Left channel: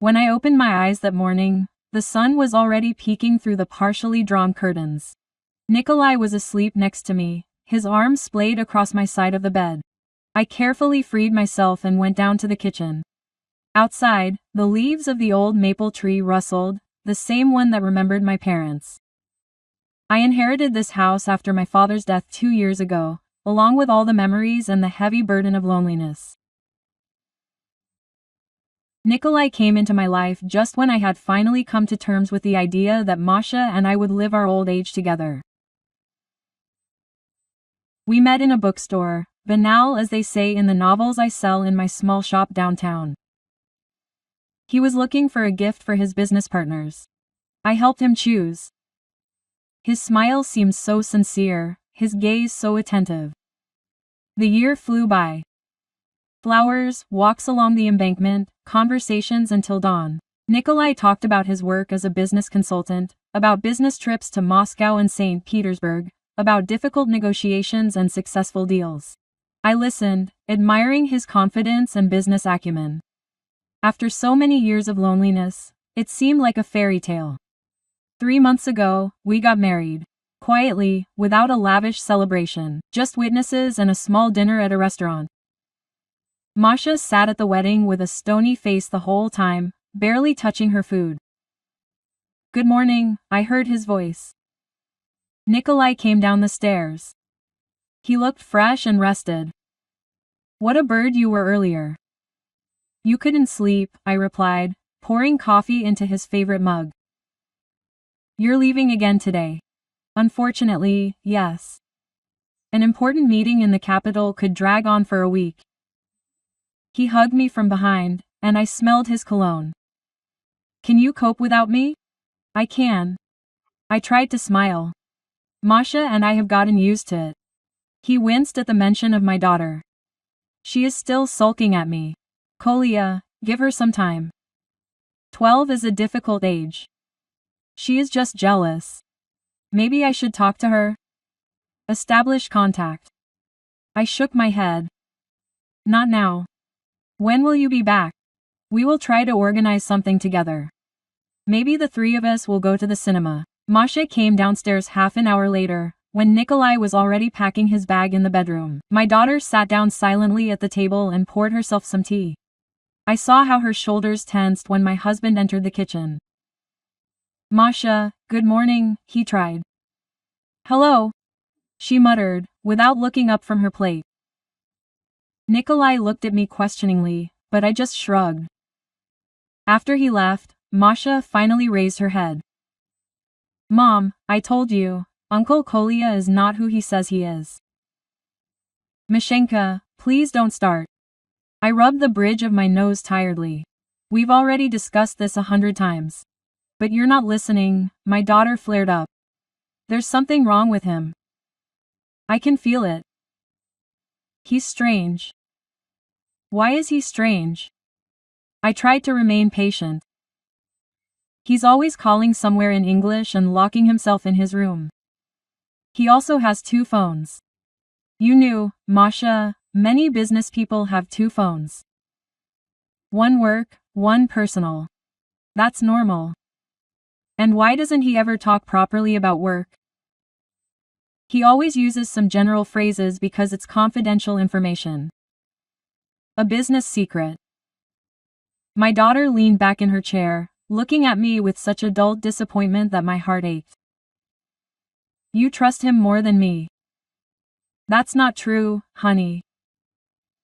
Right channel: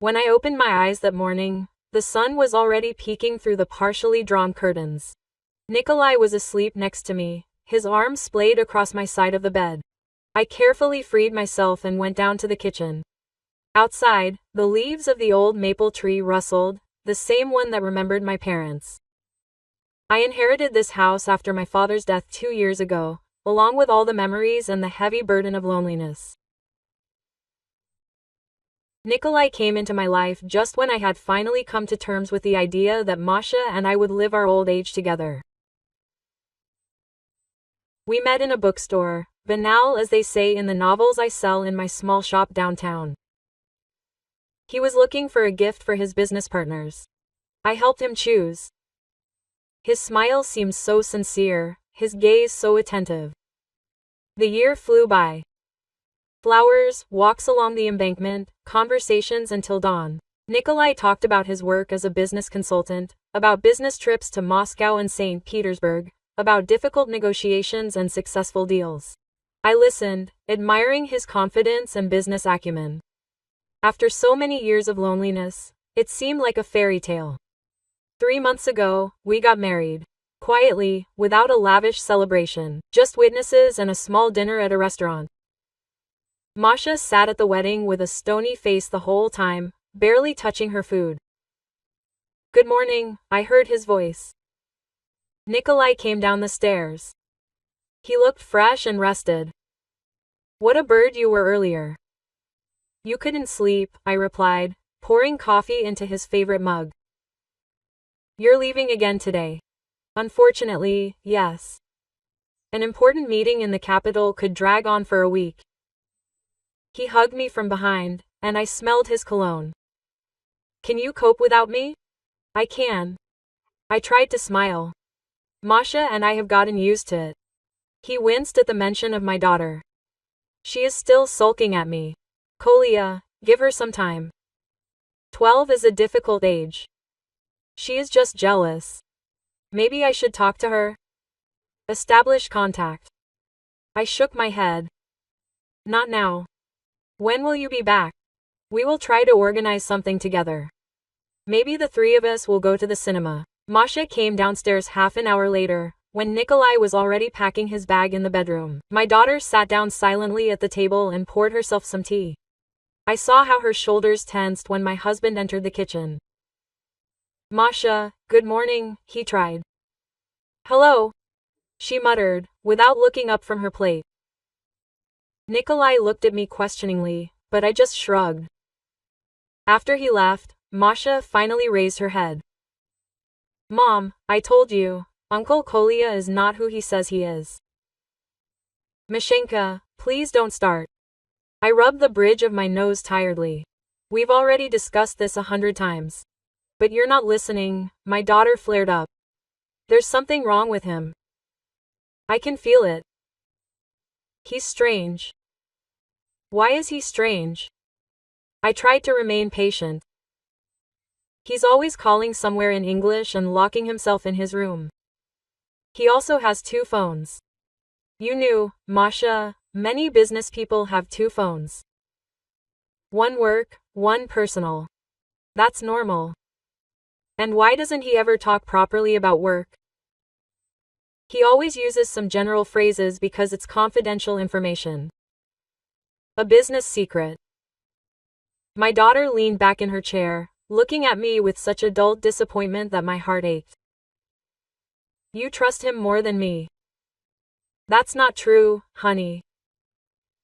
When I opened my eyes that morning, the sun was already peeking through the partially drawn curtains. Nikolai was asleep next to me, his arms splayed across my side of the bed. I carefully freed myself and went down to the kitchen. Outside, the leaves of the old maple tree rustled, the same one that remembered my parents. I inherited this house after my father's death 2 years ago, along with all the memories and the heavy burden of loneliness. Nikolai came into my life just when I had finally come to terms with the idea that Masha and I would live our old age together. We met in a bookstore, banal as they say in the novels I sell in my small shop downtown. He was looking for a gift for his business partners. I helped him choose. His smile seemed so sincere, his gaze so attentive. The year flew by. Flowers, walks along the embankment, conversations until dawn. Nikolai talked about his work as a business consultant, about business trips to Moscow and St. Petersburg, about difficult negotiations and successful deals. I listened, admiring his confidence and business acumen. After so many years of loneliness, it seemed like a fairy tale. 3 months ago, we got married. Quietly, without a lavish celebration, just witnesses and a small dinner at a restaurant. Masha sat at the wedding with a stony face the whole time, barely touching her food. "Good morning," I heard his voice. Nikolai came down the stairs. He looked fresh and rested. "What a bird you were earlier." "You couldn't sleep," I replied, pouring coffee into his favorite mug. "You're leaving again today." "Unfortunately, yes. An important meeting in the capital could drag on for a week." He hugged me from behind, and I smelled his cologne. "Can you cope without me?" "I can." I tried to smile. "Masha and I have gotten used to it." He winced at the mention of my daughter. "She is still sulking at me." "Kolya, give her some time. 12 is a difficult age. She is just jealous. Maybe I should talk to her? Establish contact." I shook my head. "Not now." "When will you be back?" "We will try to organize something together. Maybe the 3 of us will go to the cinema." Masha came downstairs half an hour later, when Nikolai was already packing his bag in the bedroom. My daughter sat down silently at the table and poured herself some tea. I saw how her shoulders tensed when my husband entered the kitchen. "Masha, good morning," he tried. "Hello," she muttered, without looking up from her plate. Nikolai looked at me questioningly, but I just shrugged. After he left, Masha finally raised her head. "Mom, I told you, Uncle Kolya is not who he says he is." "Mashenka, please don't start." I rubbed the bridge of my nose tiredly. "We've already discussed this 100 times. But you're not listening," my daughter flared up. "There's something wrong with him. I can feel it. He's strange." "Why is he strange?" I tried to remain patient. "He's always calling somewhere in English and locking himself in his room. He also has 2 phones. You knew, Masha, many business people have 2 phones. One work, one personal. That's normal. And why doesn't he ever talk properly about work? He always uses some general phrases because it's confidential information. A business secret." My daughter leaned back in her chair, looking at me with such adult disappointment that my heart ached. "You trust him more than me." "That's not true, honey.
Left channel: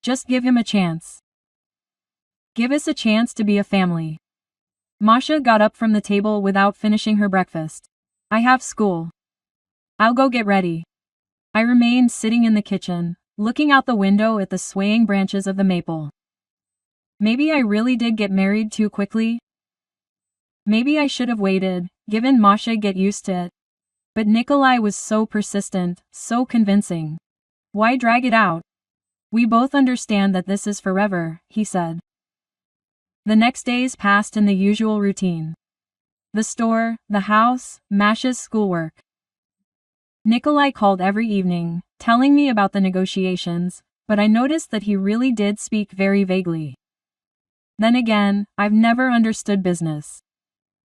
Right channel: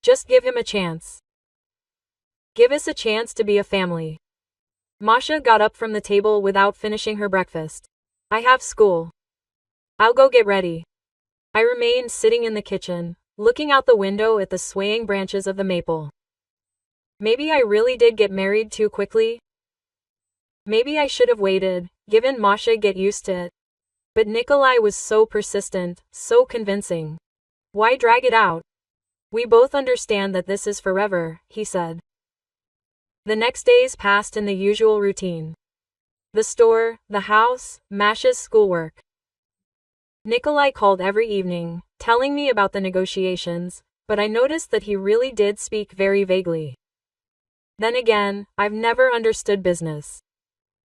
Just give him a chance. Give us a chance to be a family." Masha got up from the table without finishing her breakfast. "I have school. I'll go get ready." I remained sitting in the kitchen, looking out the window at the swaying branches of the maple. Maybe I really did get married too quickly. Maybe I should have waited, given Masha get used to it. But Nikolai was so persistent, so convincing. Why drag it out? "We both understand that this is forever," he said. The next days passed in the usual routine. The store, the house, Masha's schoolwork. Nikolai called every evening, telling me about the negotiations, but I noticed that he really did speak very vaguely. Then again, I've never understood business.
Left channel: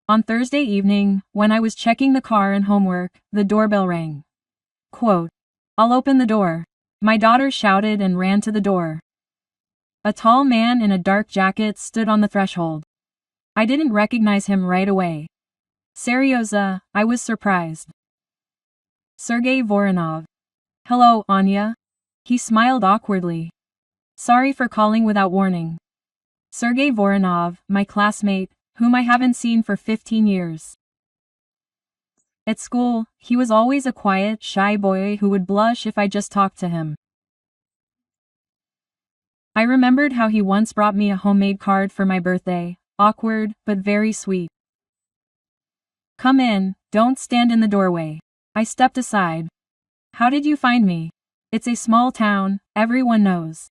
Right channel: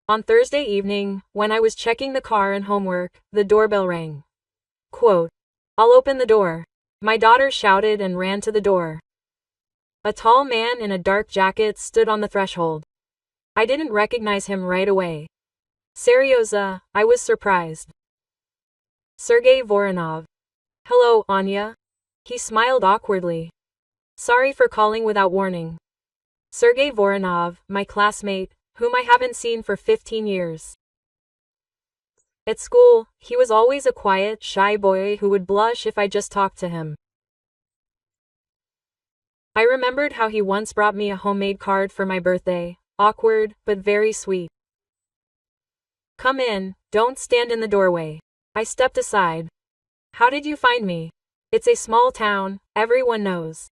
On Thursday evening, when I was checking the car and homework, the doorbell rang. Quote, "I'll open the door." My daughter shouted and ran to the door. A tall man in a dark jacket stood on the threshold. I didn't recognize him right away. Seryoza, I was surprised. Sergey Voronov. "Hello, Anya." He smiled awkwardly. "Sorry for calling without warning." Sergey Voronov, my classmate, whom I haven't seen for 15 years. At school, he was always a quiet, shy boy who would blush if I just talked to him. I remembered how he once brought me a homemade card for my birthday, awkward, but very sweet. "Come in, don't stand in the doorway." I stepped aside. "How did you find me? It's a small town, everyone knows."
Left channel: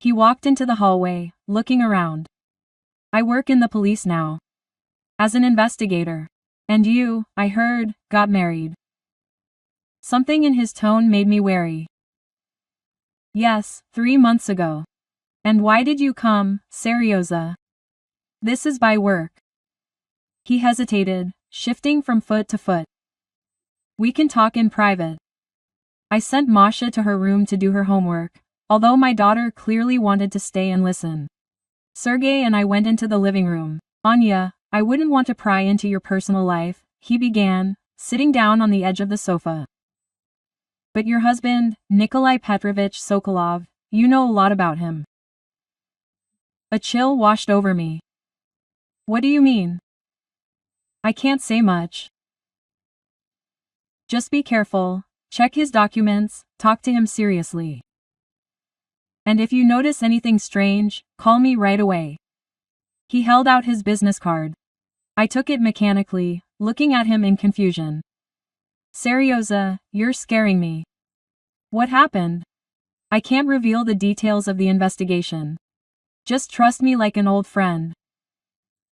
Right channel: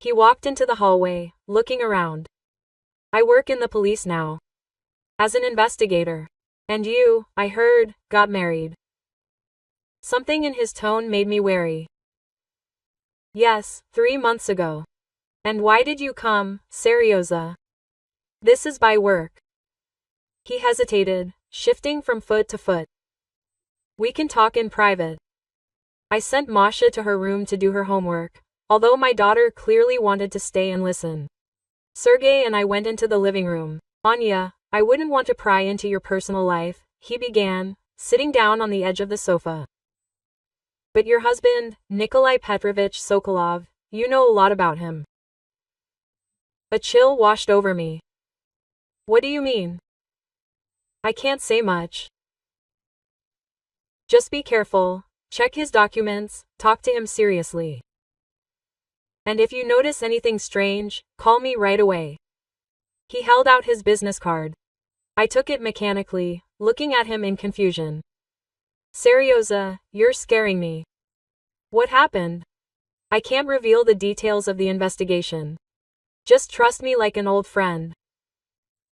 He walked into the hallway, looking around. "I work in the police now. As an investigator. And you, I heard, got married." Something in his tone made me wary. "Yes, 3 months ago." "And why did you come, Seryoza?" "This is by work." He hesitated, shifting from foot to foot. "We can talk in private." I sent Masha to her room to do her homework, although my daughter clearly wanted to stay and listen. Sergey and I went into the living room. "Anya, I wouldn't want to pry into your personal life," he began, sitting down on the edge of the sofa. "But your husband, Nikolai Petrovich Sokolov, you know a lot about him." A chill washed over me. "What do you mean?" "I can't say much. Just be careful, check his documents, talk to him seriously. And if you notice anything strange, call me right away." He held out his business card. I took it mechanically, looking at him in confusion. "Seryoza, you're scaring me." "What happened?" "I can't reveal the details of the investigation. Just trust me like an old friend."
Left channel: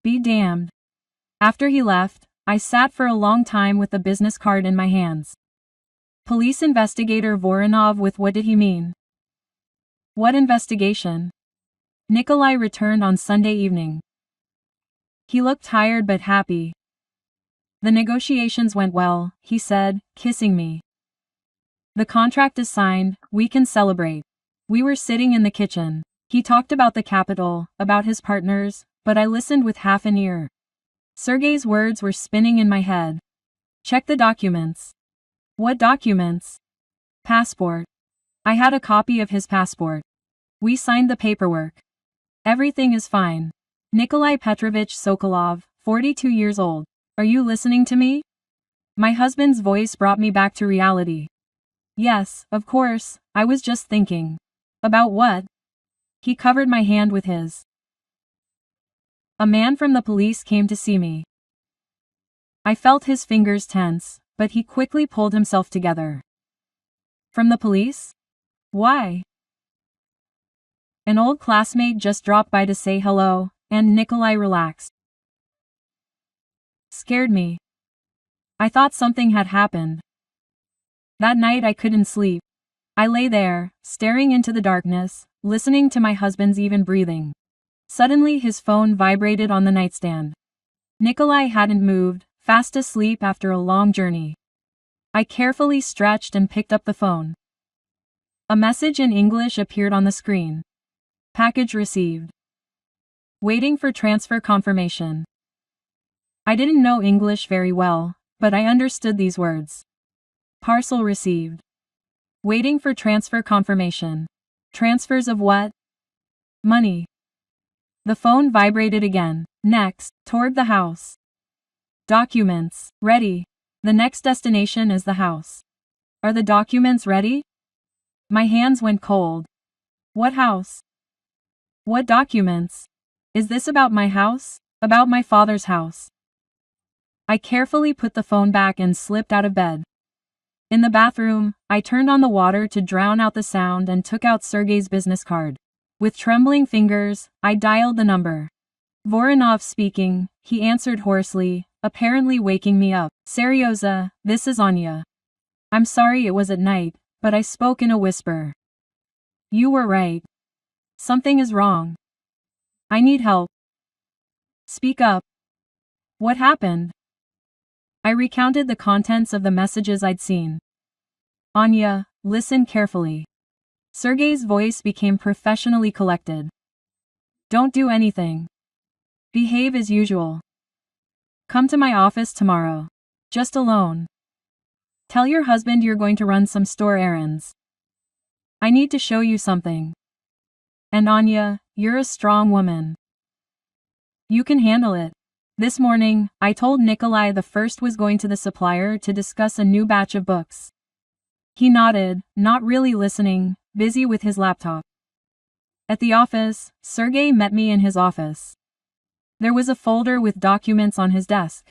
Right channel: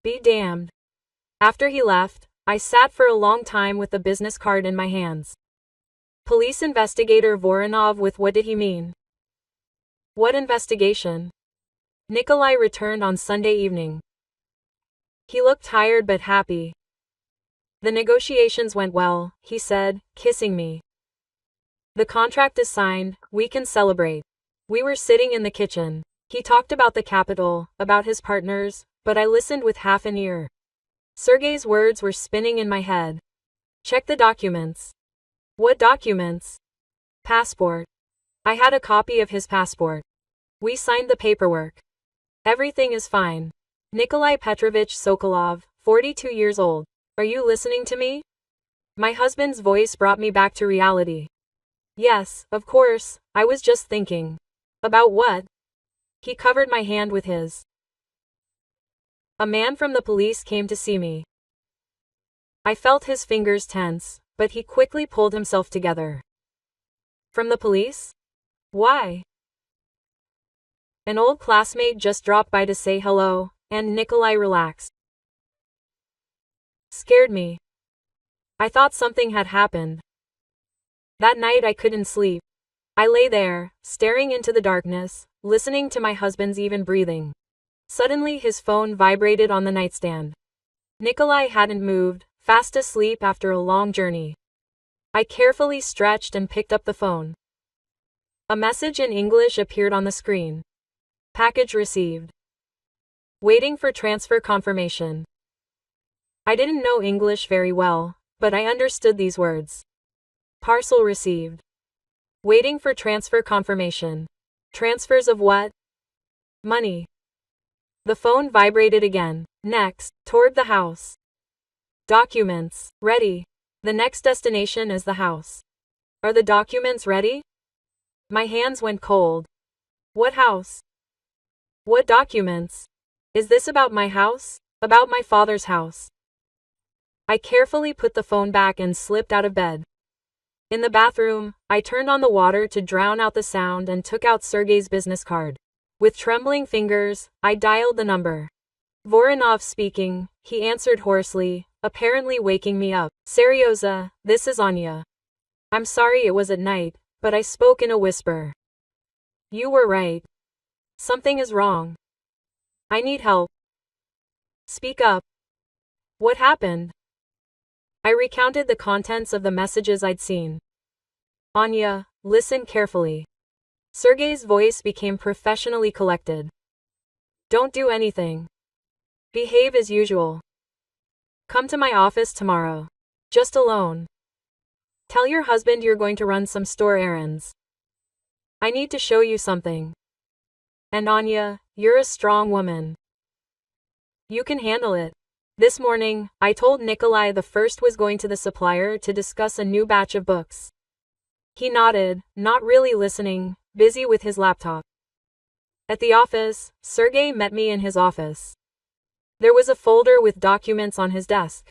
Be damned. After he left, I sat for a long time with the business card in my hands. Police investigator Voronov, with what did he mean? What investigation? Nikolai returned on Sunday evening. He looked tired but happy. "The negotiations went well," he said, kissing me. "The contract is signed, we can celebrate." We were sitting in the kitchen. He talked about the capital, about his partners, but I listened with half an ear. Sergey's words were spinning in my head. "Check the documents." "What documents?" "Passport." I had a copy of his passport. We signed the paperwork. "Everything is fine." Nikolai Petrovich Sokolov, 42 years old. "Are you listening to me?" My husband's voice brought me back to reality. "Yes, of course, I was just thinking." "About what?" He covered my hand with his. "A man from the police came to see me." I felt his fingers tense, but he quickly pulled himself together. "From the police? Why?" "An old classmate just dropped by to say hello," and Nikolai relaxed. Scared me. I thought something had happened. That night I couldn't sleep. I lay there, staring into the darkness, listening to my husband's even breathing. Suddenly his phone vibrated on the nightstand. Nikolai hadn't moved, fast asleep after a long journey. I carefully stretched and picked up the phone. A message in English appeared on the screen. "Package received. Waiting for transfer confirmation." I didn't know English very well, but I understood these words. "Parcel received. Waiting for transfer confirmation." Transfers of what? Money. The phone vibrated again. Next, toward the house. "Documents, ready. The next destination is the house." "Are the documents ready?" My hands went cold. "What house? What documents? Is this about my house? About my father's house?" I carefully put the phone back and slipped out of bed. In the bathroom, I turned on the water to drown out the sound and took out Sergey's business card. With trembling fingers, I dialed the number. "Voronov speaking," he answered hoarsely, apparently waking me up. "Seryoza, this is Anya. I'm sorry it was at night, but I spoke in a whisper. You were right. Something is wrong. I need help. Speak up. What happened? I recounted the contents of the messages I'd seen. Anya, listen carefully. Sergey's voice became professionally collected. Don't do anything. Behave as usual. Come to my office tomorrow. Just alone. Tell your husband you're going to run some store errands. I need to show you something. And Anya, you're a strong woman. You can handle it. This morning, I told Nikolai the first was going to the supplier to discuss a new batch of books. He nodded, not really listening, busy with his laptop. At the office, Sergey met me in his office. There was a folder with documents on his desk.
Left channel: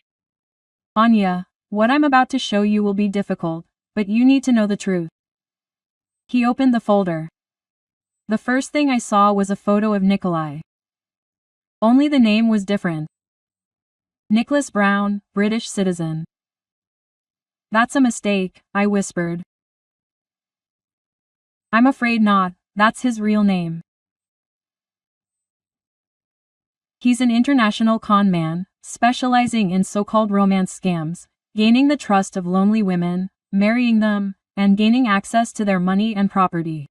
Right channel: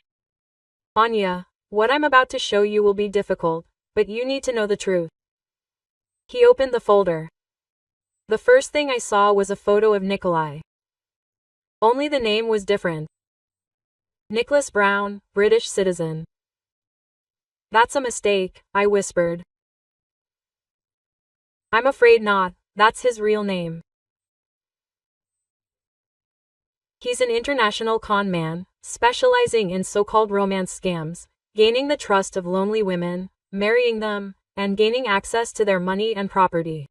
Anya, what I'm about to show you will be difficult, but you need to know the truth. He opened the folder. The first thing I saw was a photo of Nikolai. Only the name was different. Nicholas Brown, British citizen. That's a mistake, I whispered. I'm afraid not, that's his real name. He's an international con man, specializing in so-called romance scams, gaining the trust of lonely women, marrying them, and gaining access to their money and property.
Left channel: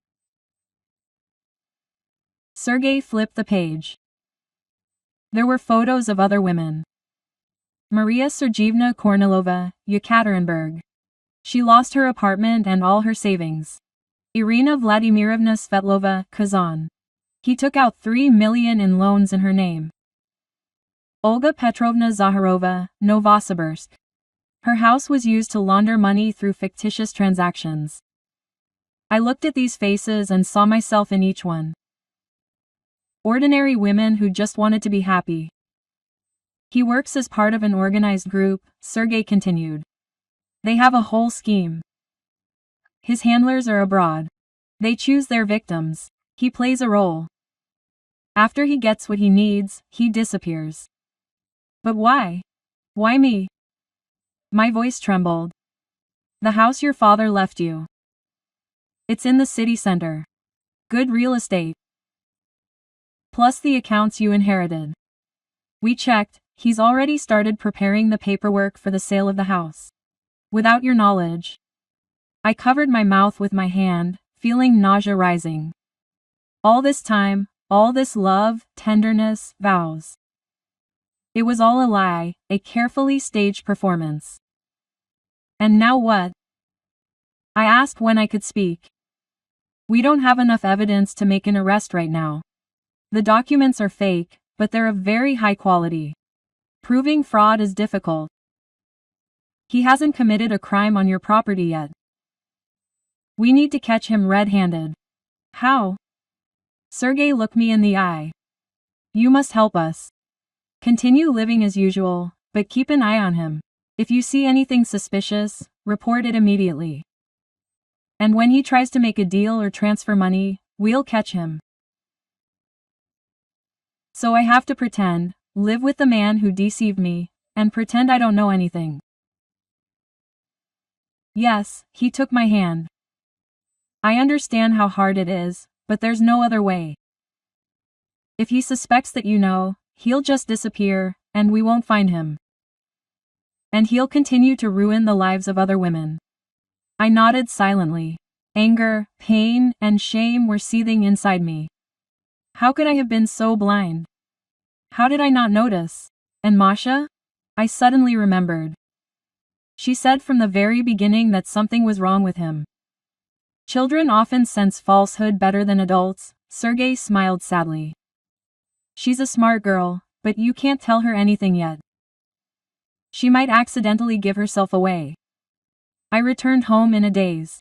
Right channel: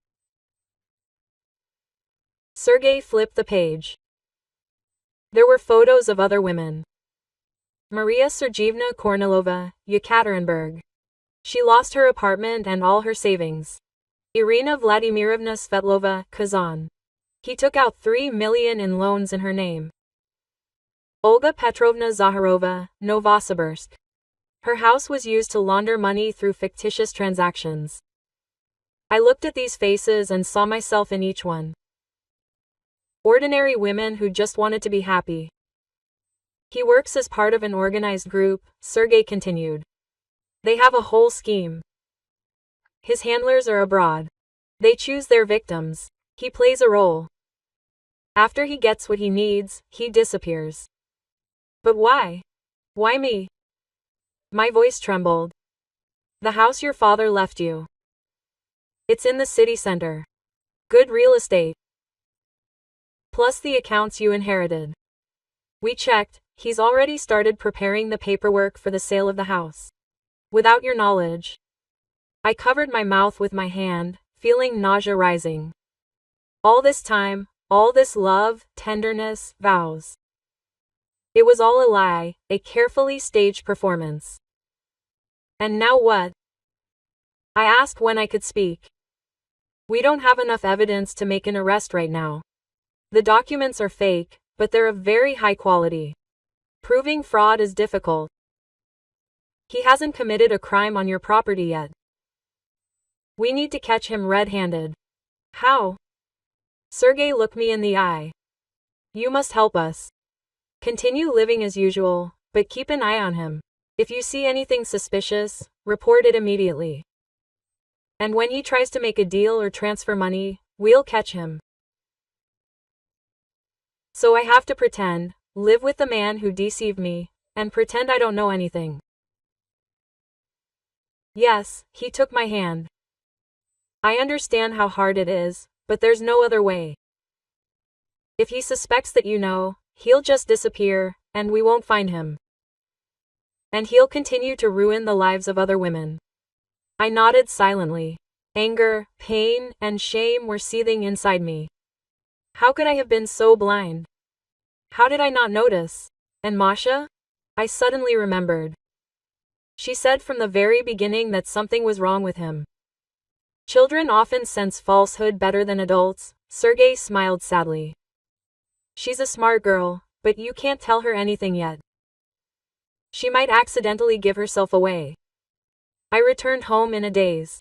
Sergey flipped the page. There were photos of other women. Maria Sergeyevna Kornilova, Yekaterinburg. She lost her apartment and all her savings. Irina Vladimirovna Svetlova, Kazan. He took out 3 million in loans in her name. Olga Petrovna Zaharova, Novosibirsk. Her house was used to launder money through fictitious transactions. I looked at these faces and saw myself in each one. Ordinary women who just wanted to be happy. He works as part of an organized group, Sergey continued. They have a whole scheme. His handlers are abroad. They choose their victims. He plays a role. After he gets what he needs, he disappears. But why? Why me? My voice trembled. The house your father left you. It's in the city center. Good real estate. Plus the accounts you inherited. We checked, he's already started preparing the paperwork for the sale of the house. Without your knowledge. I covered my mouth with my hand, feeling nausea rising. All this time, all this love, tenderness, vows. It was all a lie, a carefully staged performance. And now what? I asked when I could speak. We don't have enough evidence to make an arrest right now. The documents are fake, but they're of very high quality. Proving fraud is difficult. He hasn't committed a crime on your property yet. We need to catch him red-handed. How? Sergey looked me in the eye. You must help us. Continue living as usual, but keep an eye on him. If you see anything suspicious, report it immediately. And when he tries to make a deal or transfer money, we'll catch him. So I have to pretend, live with the man who deceived me, and pretend I don't know anything. Yes, he took my hand. I understand how hard it is, but there's no other way. If he suspects that you know, he'll just disappear, and we won't find him. And he'll continue to ruin the lives of other women. I nodded silently. Anger, pain, and shame were seething inside me. How could I have been so blind? How did I not notice? And Masha? I suddenly remembered. She said from the very beginning that something was wrong with him. Children often sense falsehood better than adults, Sergey smiled sadly. She's a smart girl, but you can't tell her anything yet. She might accidentally give herself away. I returned home in a daze.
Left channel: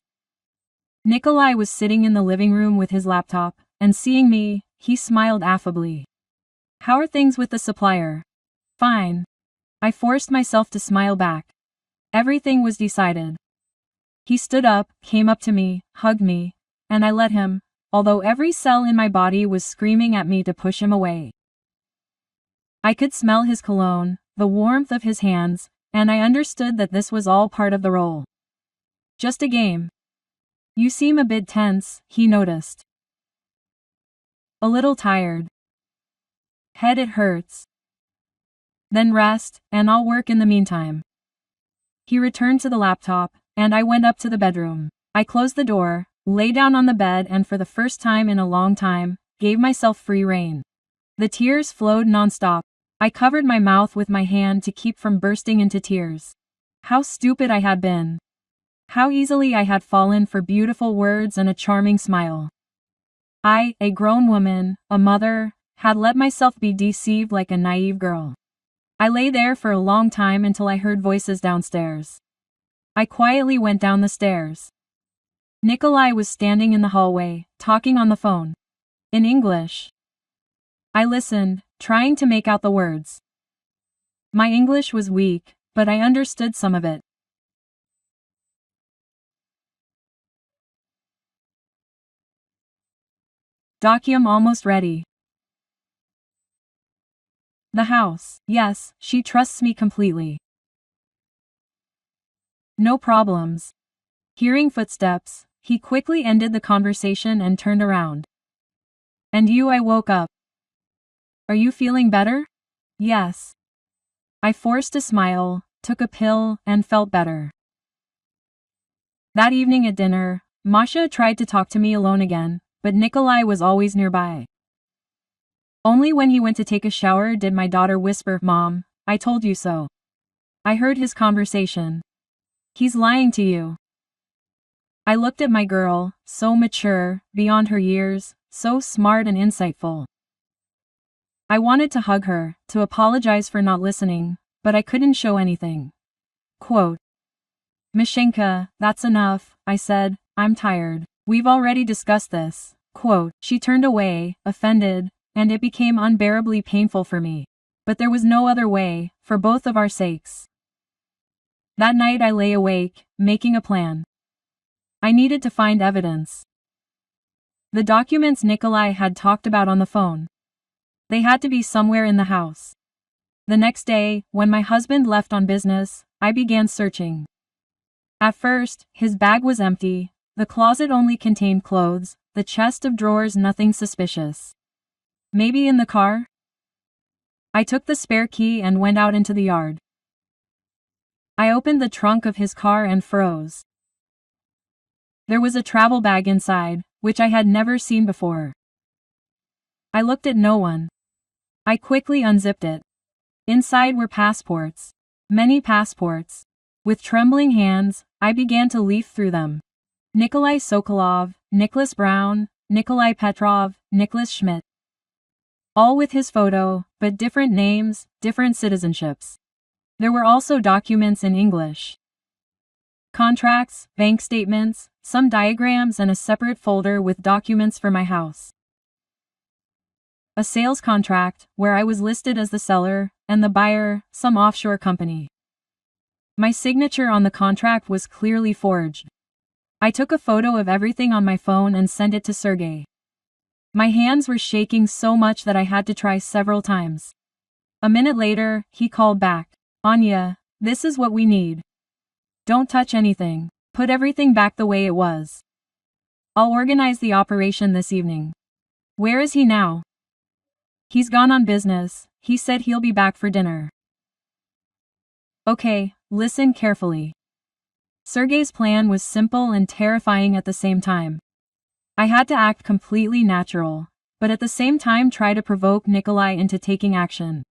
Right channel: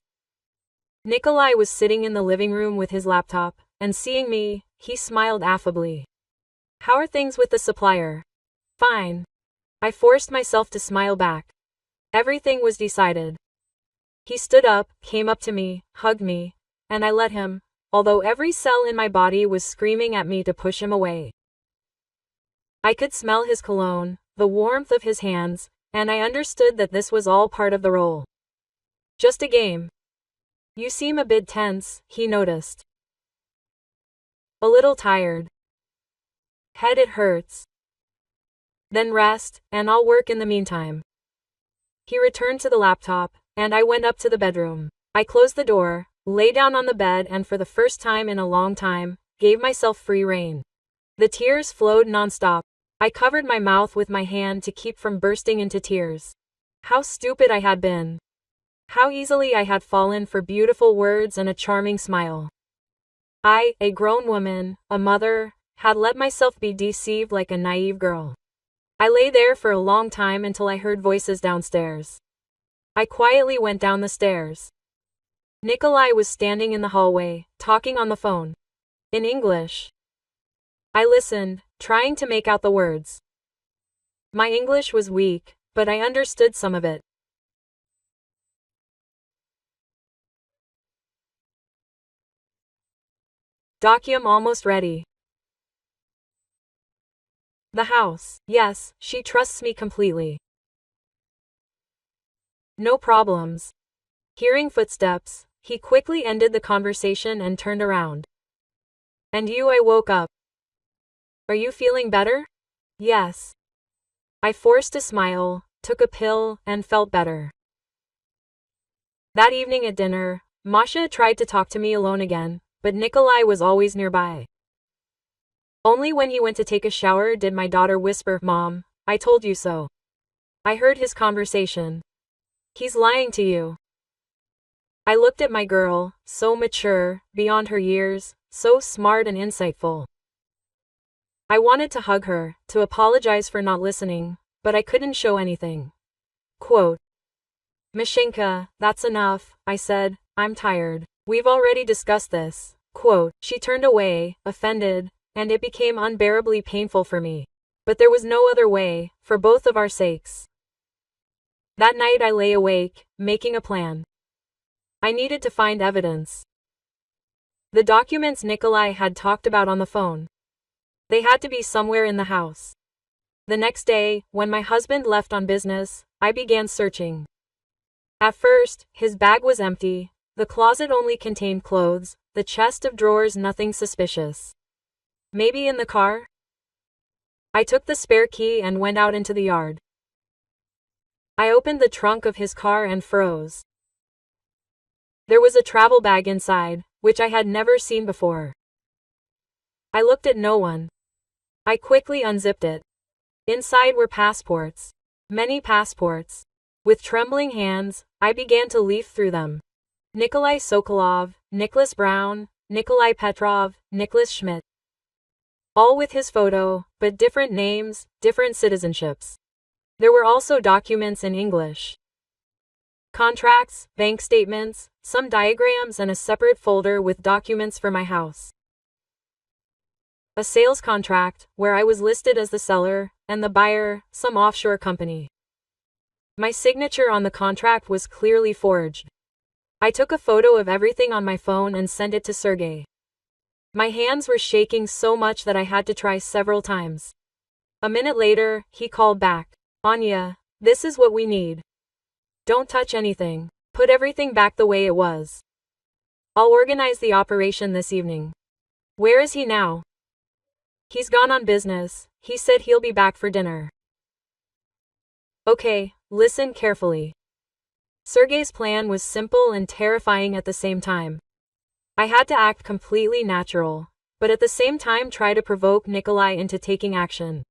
Nikolai was sitting in the living room with his laptop, and seeing me, he smiled affably. How are things with the supplier? Fine. I forced myself to smile back. Everything was decided. He stood up, came up to me, hugged me, and I let him, although every cell in my body was screaming at me to push him away. I could smell his cologne, the warmth of his hands, and I understood that this was all part of the role. Just a game. You seem a bit tense, he noticed. A little tired. Head it hurts. Then rest, and I'll work in the meantime. He returned to the laptop, and I went up to the bedroom. I closed the door, lay down on the bed, and for the first time in a long time, gave myself free rein. The tears flowed nonstop. I covered my mouth with my hand to keep from bursting into tears. How stupid I had been. How easily I had fallen for beautiful words and a charming smile. I, a grown woman, a mother, had let myself be deceived like a naive girl. I lay there for a long time until I heard voices downstairs. I quietly went down the stairs. Nikolai was standing in the hallway, talking on the phone. In English. I listened, trying to make out the words. My English was weak, but I understood some of it. Document almost ready. The house. Yes, she trusts me completely. No problems. Hearing footsteps, he quickly ended the conversation and turned around. And you? I woke up. Are you feeling better? Yes. I forced a smile, took a pill, and felt better. That evening at dinner, Masha tried to talk to me alone again, but Nikolai was always nearby. Only when he went to take a shower did my daughter whisper, "Mom, I told you so." I heard his conversation. He's lying to you. I looked at my girl, so mature, beyond her years, so smart and insightful. I wanted to hug her, to apologize for not listening, but I couldn't show anything. Quote, "Mashenka, that's enough," I said, "I'm tired. We've already discussed this." Quote, she turned away, offended, and it became unbearably painful for me. But there was no other way, for both of our sakes. That night I lay awake, making a plan. I needed to find evidence. The documents Nikolai had talked about on the phone. They had to be somewhere in the house. The next day, when my husband left on business, I began searching. At first, his bag was empty, the closet only contained clothes, the chest of drawers nothing suspicious. Maybe in the car? I took the spare key and went out into the yard. I opened the trunk of his car and froze. There was a travel bag inside, which I had never seen before. I looked at no one. I quickly unzipped it. Inside were passports. Many passports. With trembling hands, I began to leaf through them. Nikolai Sokolov, Nicholas Brown, Nikolai Petrov, Nicholas Schmidt. All with his photo, but different names, different citizenships. There were also documents in English. Contracts, bank statements, some diagrams, and a separate folder with documents for my house. A sales contract, where I was listed as the seller, and the buyer, some offshore company. My signature on the contract was clearly forged. I took a photo of everything on my phone and sent it to Sergey. My hands were shaking so much that I had to try several times. A minute later, he called back. "Anya, this is what we need. Don't touch anything. Put everything back the way it was. I'll organize the operation this evening." "Where is he now?" "He's gone on business. He said he'll be back for dinner." Okay, listen carefully. Sergey's plan was simple and terrifying at the same time. I had to act completely natural, but at the same time try to provoke Nikolai into taking action.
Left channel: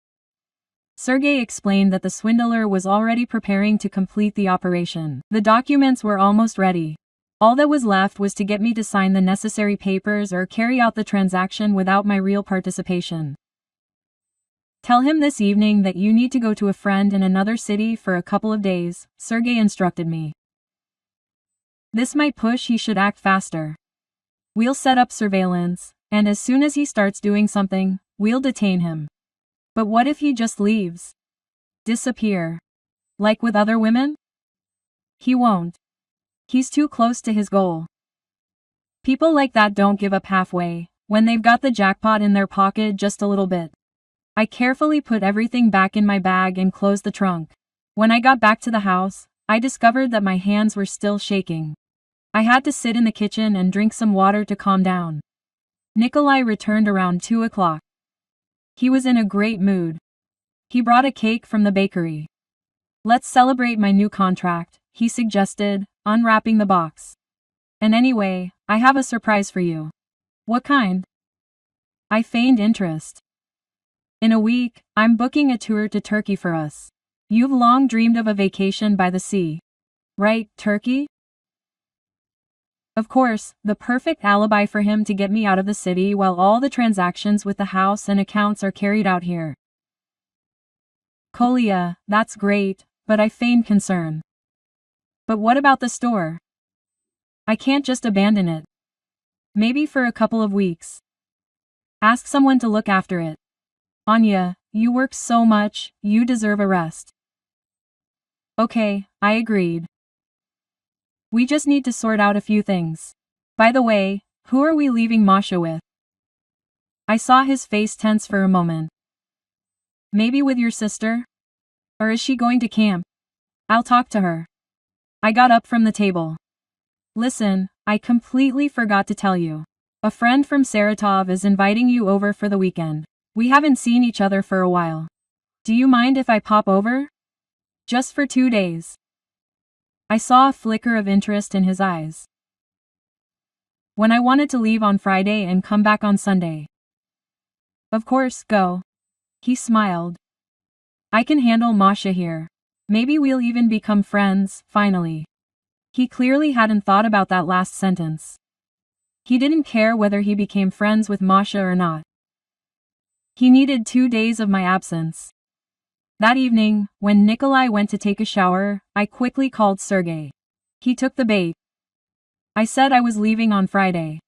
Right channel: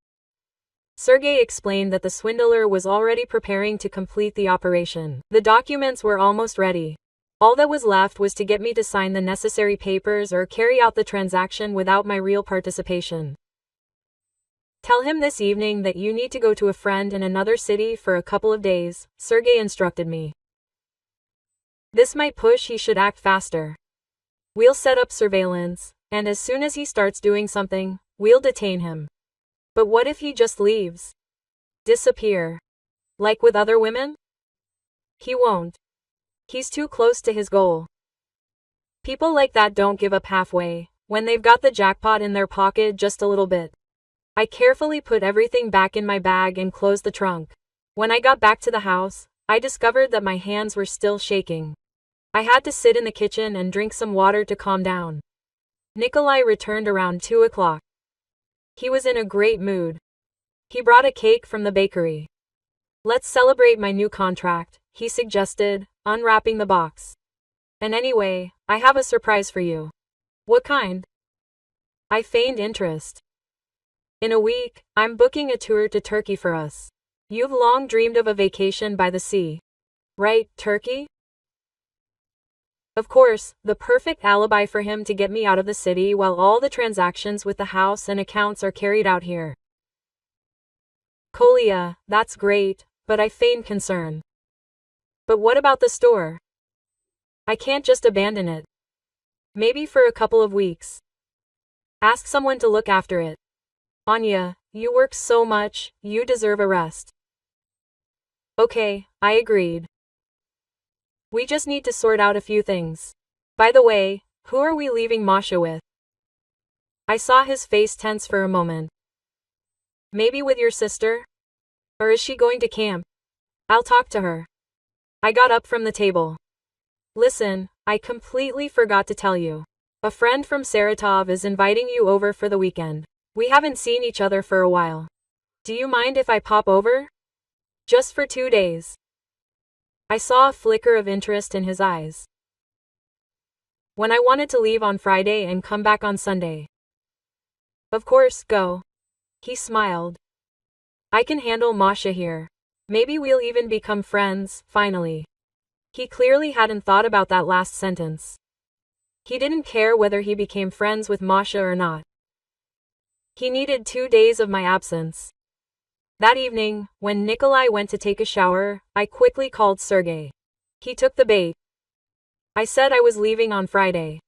Sergey explained that the swindler was already preparing to complete the operation. The documents were almost ready. All that was left was to get me to sign the necessary papers or carry out the transaction without my real participation. "Tell him this evening that you need to go to a friend in another city for a couple of days," Sergey instructed me. "This might push he should act faster. We'll set up surveillance, and as soon as he starts doing something, we'll detain him." "But what if he just leaves? Disappear? Like with other women?" "He won't. He's too close to his goal. People like that don't give up halfway, when they've got the jackpot in their pocket just a little bit." I carefully put everything back in my bag and closed the trunk. When I got back to the house, I discovered that my hands were still shaking. I had to sit in the kitchen and drink some water to calm down. Nikolai returned around 2 o'clock. He was in a great mood. He brought a cake from the bakery. Let's celebrate my new contract, he suggested, unwrapping the box. And anyway, I have a surprise for you. What kind? I feigned interest. In a week, I'm booking a tour to Turkey for us. You've long dreamed of a vacation by the sea. Right, Turkey? Of course, the perfect alibi for him to get me out of the city while all the transactions with the house and accounts are carried out here. Colia, that's great, but I feigned concern. But what about the store? I can't just abandon it. Maybe for a couple of weeks. Ask someone to look after it. Anya, you work so much, you deserve a rest. Okay, I agreed. We just need to sort out a few things. By the way, who are we leaving Masha with? I saw his face tense for a moment. Maybe with your sister? Or is she going to camp? I'll talk to her. I got up from the table. Listen, I completely forgot to tell you. A friend from Saratov is inviting you over for the weekend. We haven't seen each other for a while. Do you mind if I pop over? Just for 2 days. I saw a flicker of interest in his eyes. When I wanted to leave on Friday and come back on Sunday. Of course, go. He smiled. I can handle Masha here. Maybe we'll even become friends, finally. He clearly hadn't thought about that last sentence. He didn't care whether he became friends with Masha or not. He needed 2 days of my absence. That evening, when Nikolai went to take a shower, I quickly called Sergey. He took the bait. I said I was leaving on Friday.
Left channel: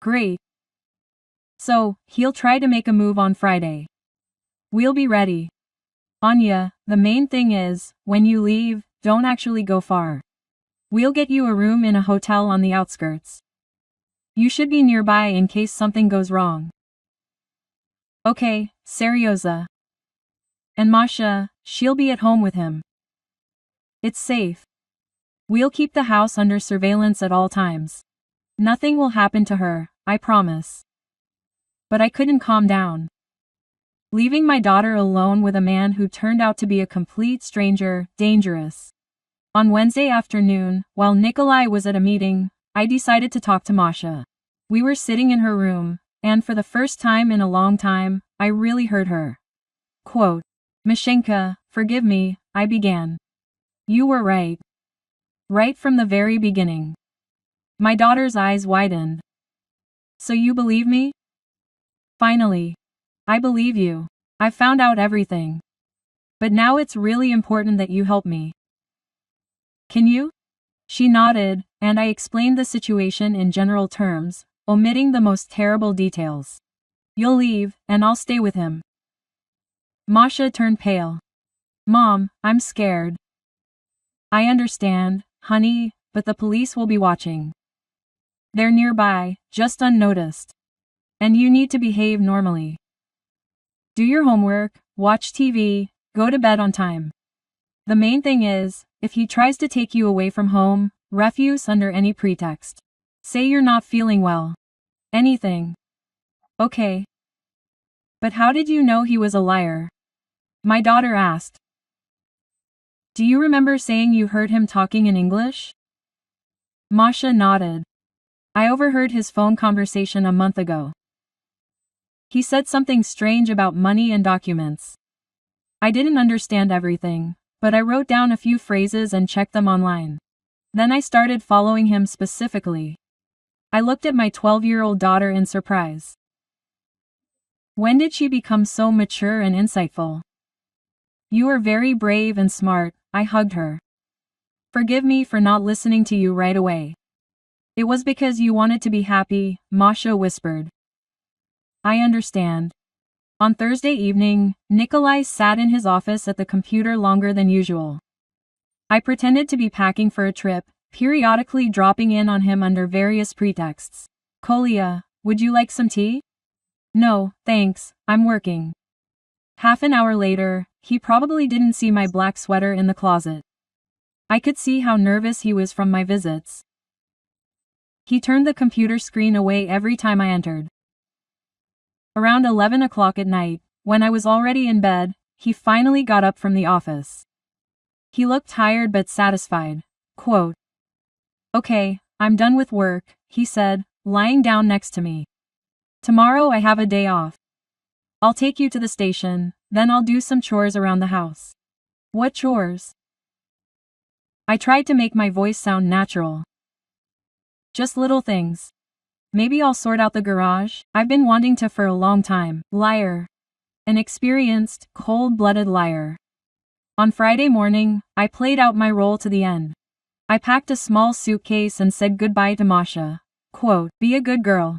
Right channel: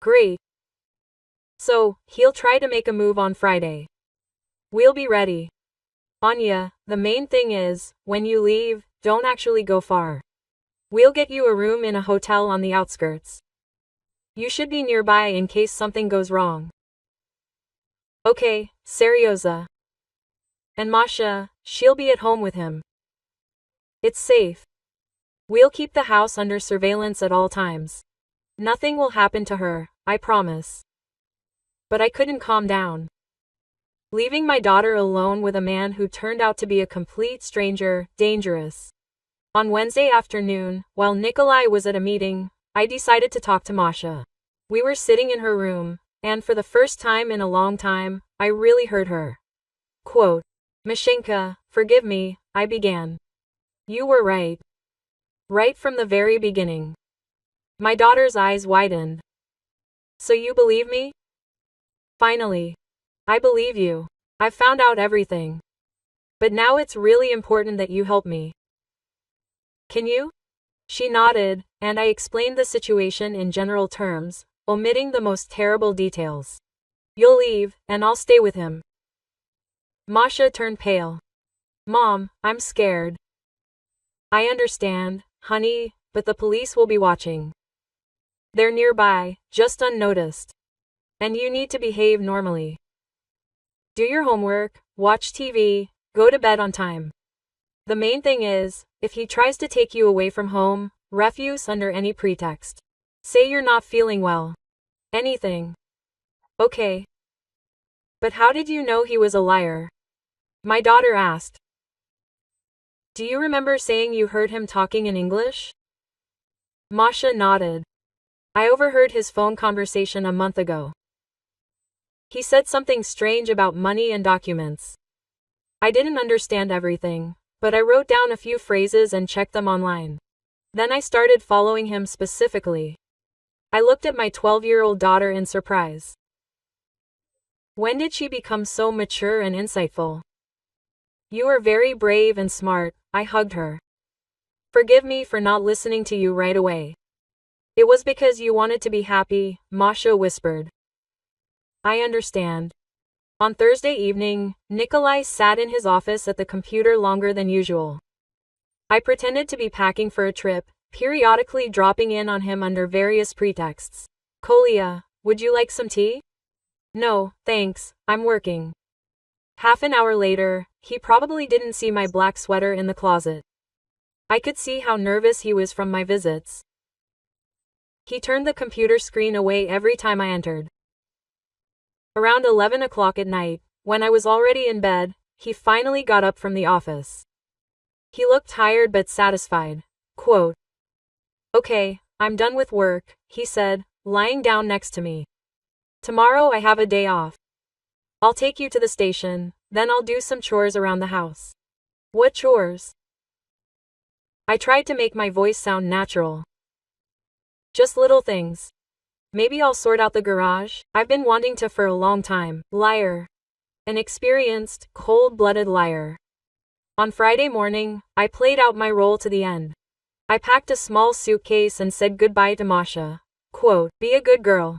Great. So, he'll try to make a move on Friday. We'll be ready. Anya, the main thing is, when you leave, don't actually go far. We'll get you a room in a hotel on the outskirts. You should be nearby in case something goes wrong. Okay, Seryoza. And Masha, she'll be at home with him. It's safe. We'll keep the house under surveillance at all times. Nothing will happen to her, I promise. But I couldn't calm down. Leaving my daughter alone with a man who turned out to be a complete stranger, dangerous. On Wednesday afternoon, while Nikolai was at a meeting, I decided to talk to Masha. We were sitting in her room, and for the first time in a long time, I really heard her. Quote, Mashenka, forgive me, I began. You were right. Right from the very beginning. My daughter's eyes widened. So you believe me? Finally. I believe you. I've found out everything. But now it's really important that you help me. Can you? She nodded, and I explained the situation in general terms, omitting the most terrible details. You'll leave, and I'll stay with him. Masha turned pale. Mom, I'm scared. I understand, honey, but the police will be watching. They're nearby, just unnoticed. And you need to behave normally. Do your homework, watch TV, go to bed on time. The main thing is, if he tries to take you away from home, refuse under any pretext. Say you're not feeling well. Anything. Okay. But how did you know he was a liar? My daughter asked. Do you remember saying you heard him talking in English? Masha nodded. I overheard his phone conversation a month ago. He said something strange about money and documents. I didn't understand everything, but I wrote down a few phrases and checked them online. Then I started following him specifically. I looked at my 12-year-old daughter in surprise. When did she become so mature and insightful? You are very brave and smart, I hugged her. Forgive me for not listening to you right away. It was because you wanted to be happy, Masha whispered. I understand. On Thursday evening, Nikolai sat in his office at the computer longer than usual. I pretended to be packing for a trip, periodically dropping in on him under various pretexts. Kolia, would you like some tea? No, thanks, I'm working. Half an hour later, he probably didn't see my black sweater in the closet. I could see how nervous he was from my visits. He turned the computer screen away every time I entered. Around 11 o'clock at night, when I was already in bed, he finally got up from the office. He looked tired but satisfied. Quote, "Okay, I'm done with work," he said, lying down next to me. "Tomorrow I have a day off. I'll take you to the station, then I'll do some chores around the house." "What chores?" I tried to make my voice sound natural. "Just little things. Maybe I'll sort out the garage. I've been wanting to for a long time." Liar. An experienced, cold-blooded liar. On Friday morning, I played out my role to the end. I packed a small suitcase and said goodbye to Masha. Quote, "Be a good girl."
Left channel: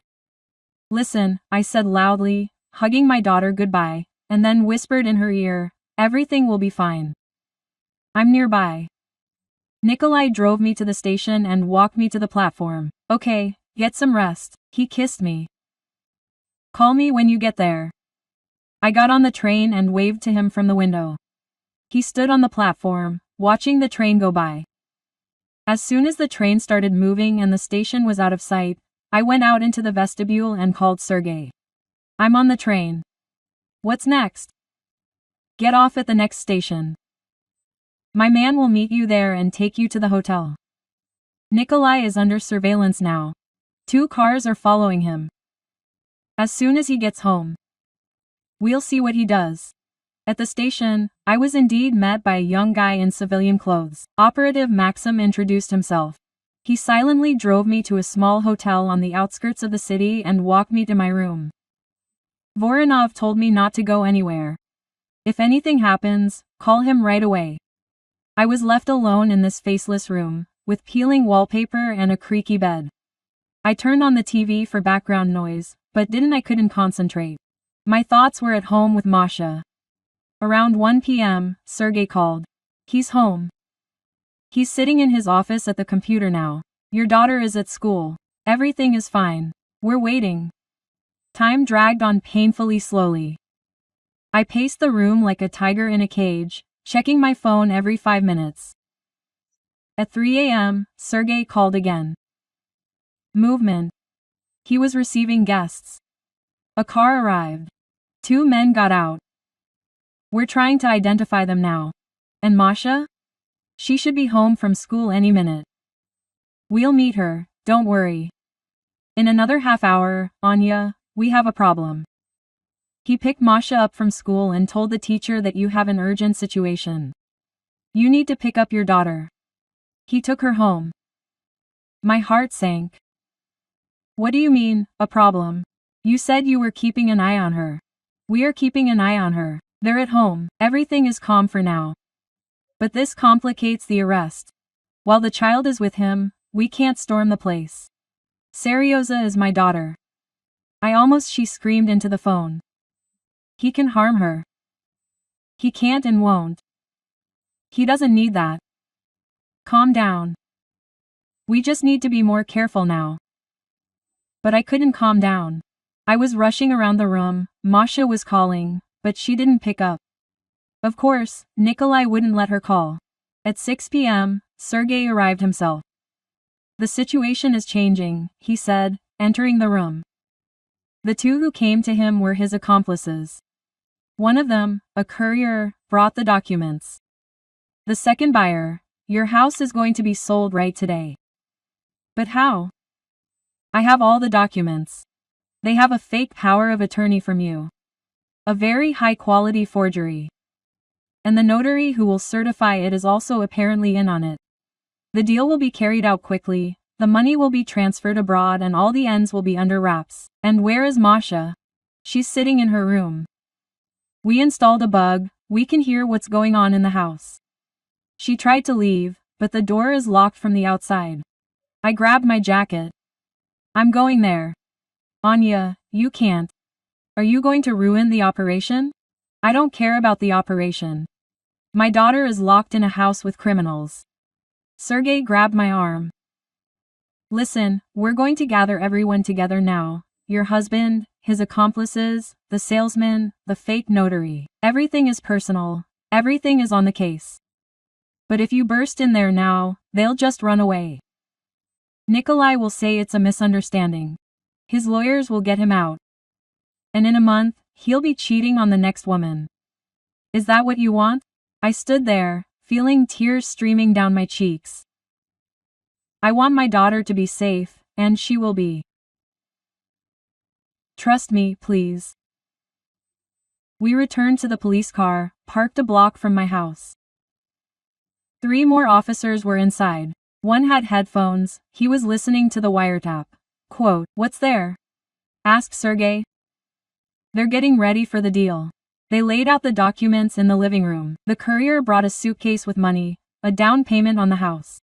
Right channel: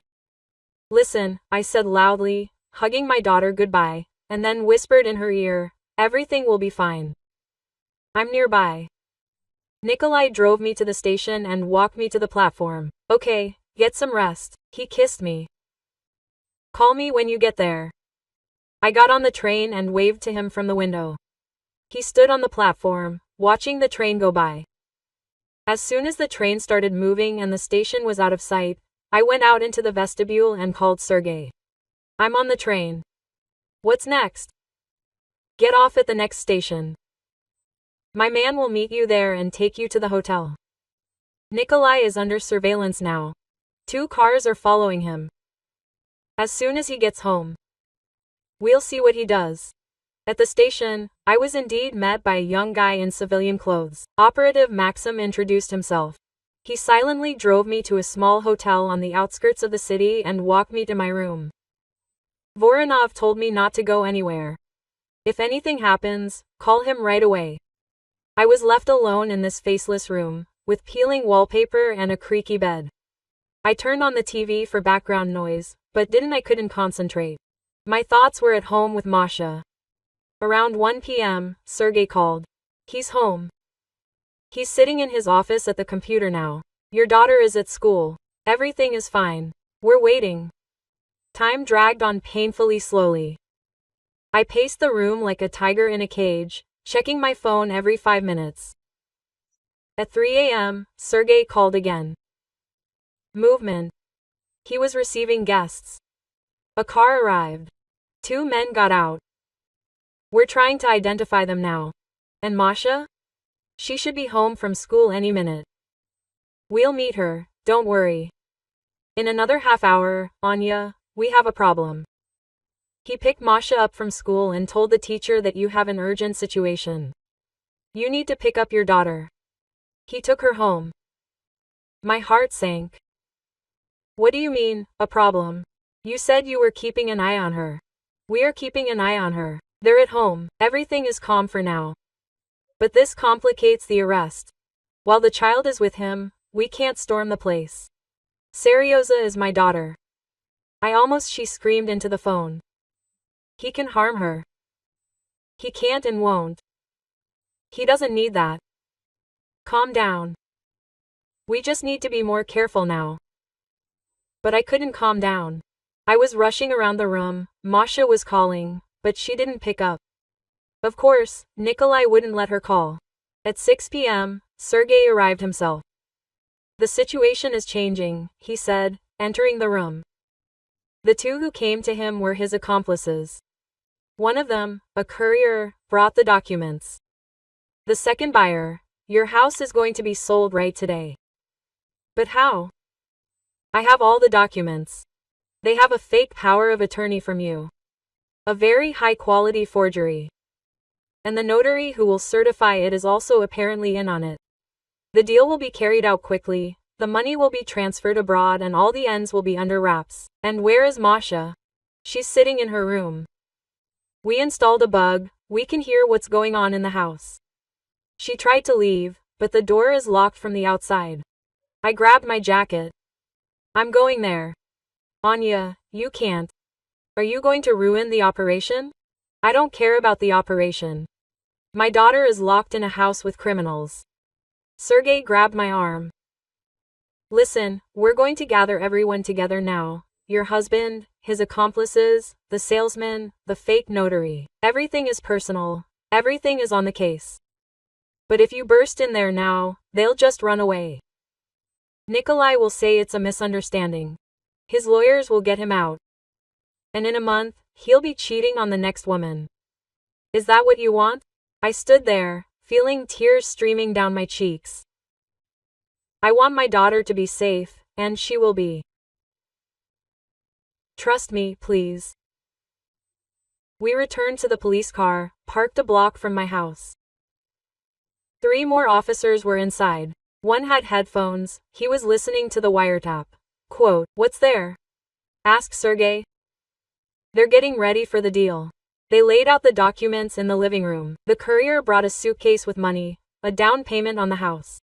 "Listen," I said loudly, hugging my daughter goodbye, and then whispered in her ear, "Everything will be fine. I'm nearby." Nikolai drove me to the station and walked me to the platform. "Okay, get some rest." He kissed me. "Call me when you get there." I got on the train and waved to him from the window. He stood on the platform, watching the train go by. As soon as the train started moving and the station was out of sight, I went out into the vestibule and called Sergey. "I'm on the train." "What's next?" "Get off at the next station. My man will meet you there and take you to the hotel. Nikolai is under surveillance now. 2 cars are following him. As soon as he gets home, we'll see what he does." At the station, I was indeed met by a young guy in civilian clothes. Operative Maxim introduced himself. He silently drove me to a small hotel on the outskirts of the city and walked me to my room. Voronov told me not to go anywhere. If anything happens, call him right away. I was left alone in this faceless room, with peeling wallpaper and a creaky bed. I turned on the TV for background noise, but I couldn't concentrate. My thoughts were at home with Masha. Around 1 p.m., Sergey called. "He's home. He's sitting in his office at the computer now. Your daughter is at school. Everything is fine. We're waiting." Time dragged on painfully slowly. I paced the room like a tiger in a cage, checking my phone every 5 minutes. At 3 a.m., Sergey called again. Movement. He was receiving guests. A car arrived. 2 men got out. "We're trying to identify them now." "And Masha?" "She should be home from school any minute. We'll meet her, don't worry." "In another half hour, Anya, we have a problem." He picked Masha up from school and told the teacher that you have an urgent situation. You need to pick up your daughter. He took her home. My heart sank. "What do you mean, a problem? You said you were keeping an eye on her." "We are keeping an eye on her. They're at home. Everything is calm for now. But this complicates the arrest. While the child is with him, we can't storm the place. Seryoza is my daughter." She screamed into the phone. "He can harm her." "He can't and won't. He doesn't need that. Calm down. We just need to be more careful now." But I couldn't calm down. I was rushing around the room. Masha was calling, but she didn't pick up. Of course, Nikolai wouldn't let her call. At 6 p.m., Sergey arrived himself. "The situation is changing," he said, entering the room. The 2 who came to him were his accomplices. One of them, a courier, brought the documents. The second buyer, "Your house is going to be sold right today." "But how?" "I have all the documents. They have a fake power of attorney from you. A very high-quality forgery. And the notary who will certify it is also apparently in on it. The deal will be carried out quickly, the money will be transferred abroad and all the ends will be under wraps." "And where is Masha?" "She's sitting in her room. We installed a bug, we can hear what's going on in the house. She tried to leave, but the door is locked from the outside." I grabbed my jacket. "I'm going there." "Anya, you can't. Are you going to ruin the operation?" "I don't care about the operation. My daughter is locked in a house with criminals." Sergey grabbed my arm. "Listen, we're going to gather everyone together now. Your husband, his accomplices, the salesman, the fake notary. Everything is personal. Everything is on the case. But if you burst in there now, they'll just run away. Nikolai will say it's a misunderstanding. His lawyers will get him out. And in a month, he'll be cheating on the next woman. Is that what you want? I stood there, feeling tears streaming down my cheeks. I want my daughter to be safe, and she will be. Trust me, please. We returned to the police car, parked a block from my house. 3 more officers were inside. One had headphones, he was listening to the wiretap. Quote, "What's there?" asked Sergey. "They're getting ready for the deal." They laid out the documents in the living room. The courier brought a suitcase with money, a down payment on the house.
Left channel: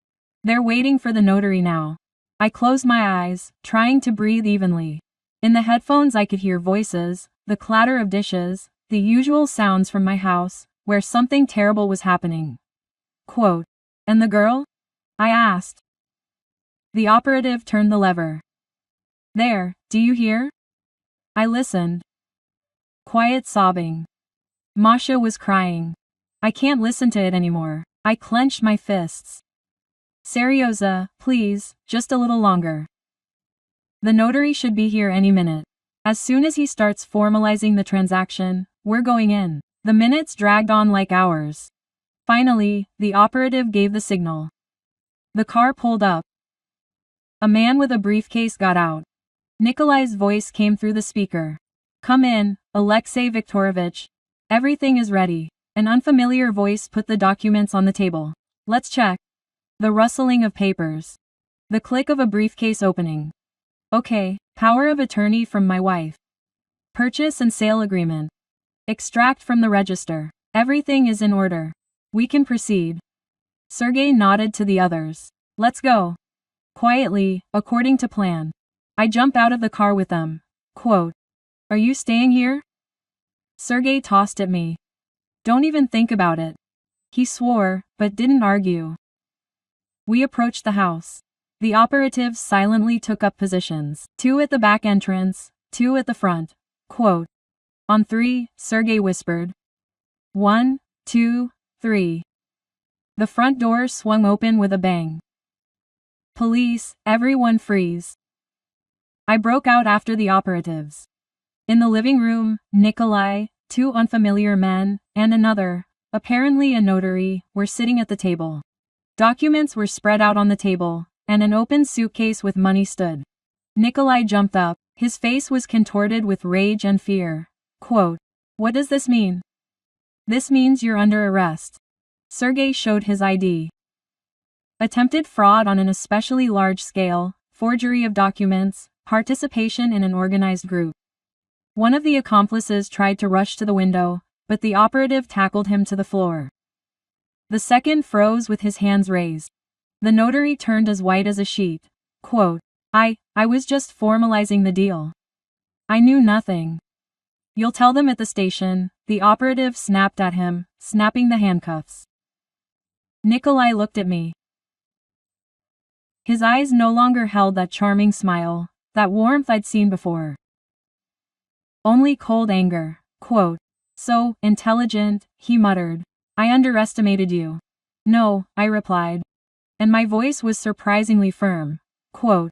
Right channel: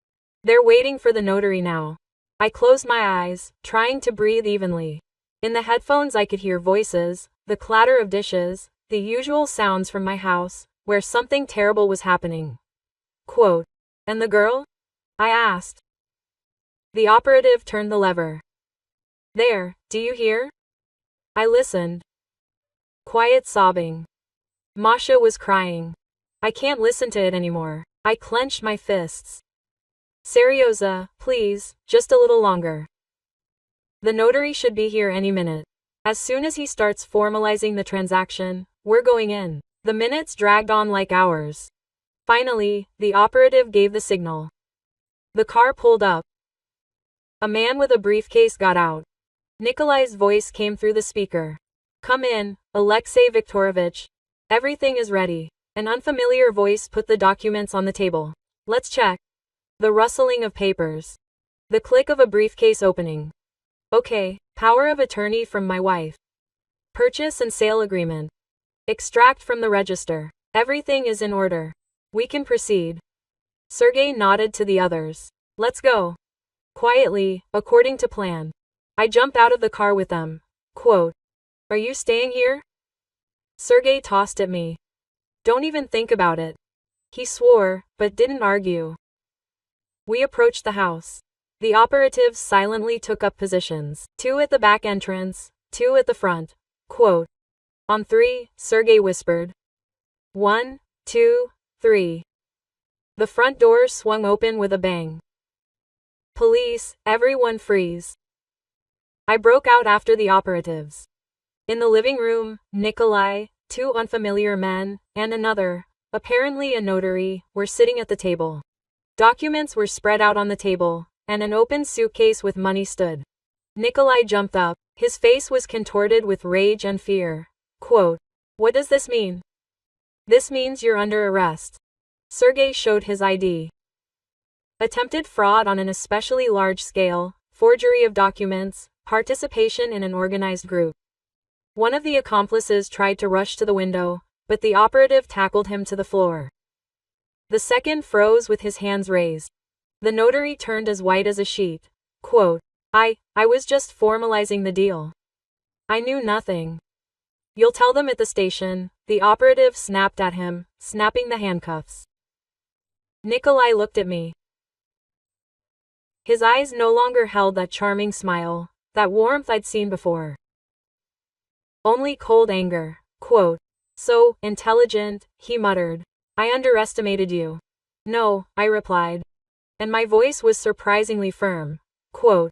They're waiting for the notary now. I closed my eyes, trying to breathe evenly. In the headphones I could hear voices, the clatter of dishes, the usual sounds from my house, where something terrible was happening. Quote, "And the girl?" I asked. The operative turned the lever. "There, do you hear?" I listened. Quiet sobbing. Masha was crying. I can't listen to it anymore. I clenched my fists. "Serioza, please, just a little longer. The notary should be here any minute. As soon as he starts formalizing the transaction, we're going in." The minutes dragged on like hours. Finally, the operative gave the signal. The car pulled up. A man with a briefcase got out. Nikolai's voice came through the speaker. "Come in, Alexei Viktorovich. Everything is ready." An unfamiliar voice put the documents on the table. "Let's check." The rustling of papers. The click of a briefcase opening. "Okay, power of attorney from my wife. Purchase and sale agreement. Extract from the register. Everything is in order. We can proceed." Sergey nodded to the others. "Let's go." Quietly, according to plan. I jumped out of the car with them. Quote, "Are you staying here?" Sergey tossed at me. "Don't even think about it." He swore, but didn't argue. We approached the house. The operatives silently took up positions. 2 at the back entrance, 2 at the front. Quote, "On 3, Sergey whispered. 1, 2, 3. The front door swung open with a bang. "Police, everyone freeze." I broke out after the operatives. In the living room, Nikolai, 2 unfamiliar men, and another, apparently a notary, were sitting at the table. Documents were spread out on the table, and an open suitcase with money stood. Nikolai jumped up, his face was contorted with rage and fear. Quote, "What does this mean?" "This means you're under arrest." Sergey showed his ID. Attempted fraud on an especially large scale, forgery of documents, participation in an organized group. One of the accomplices tried to rush to the window, but the operative tackled him to the floor. The second froze with his hands raised. The notary turned as white as a sheet. Quote, I was just formalizing the deal. I knew nothing." "You'll tell them at the station," the operative snapped at him, snapping the handcuffs. Nikolai looked at me. His eyes no longer held that charming smile, that warmth I'd seen before. Only cold anger. Quote, "So intelligent," he muttered. "I underestimated you." "No," I replied. And my voice was surprisingly firm. Quote,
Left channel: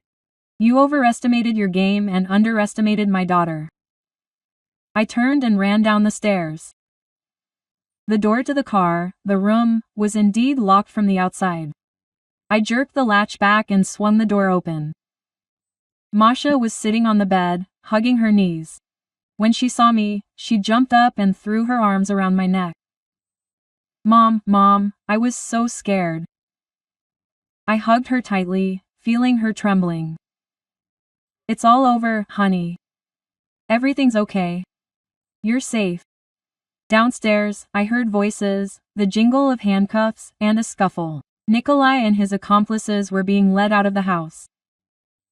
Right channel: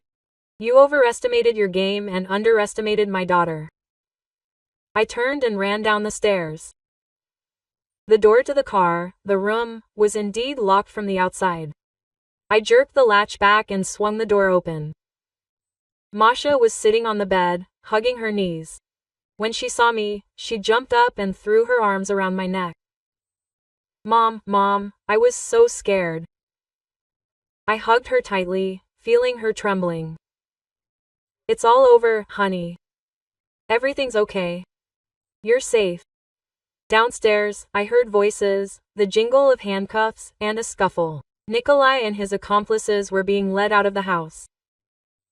"You overestimated your game and underestimated my daughter." I turned and ran down the stairs. The door to the car, the room, was indeed locked from the outside. I jerked the latch back and swung the door open. Masha was sitting on the bed, hugging her knees. When she saw me, she jumped up and threw her arms around my neck. Mom, I was so scared." I hugged her tightly, feeling her trembling. "It's all over, honey. Everything's okay. You're safe." Downstairs, I heard voices, the jingle of handcuffs, and a scuffle. Nikolai and his accomplices were being led out of the house.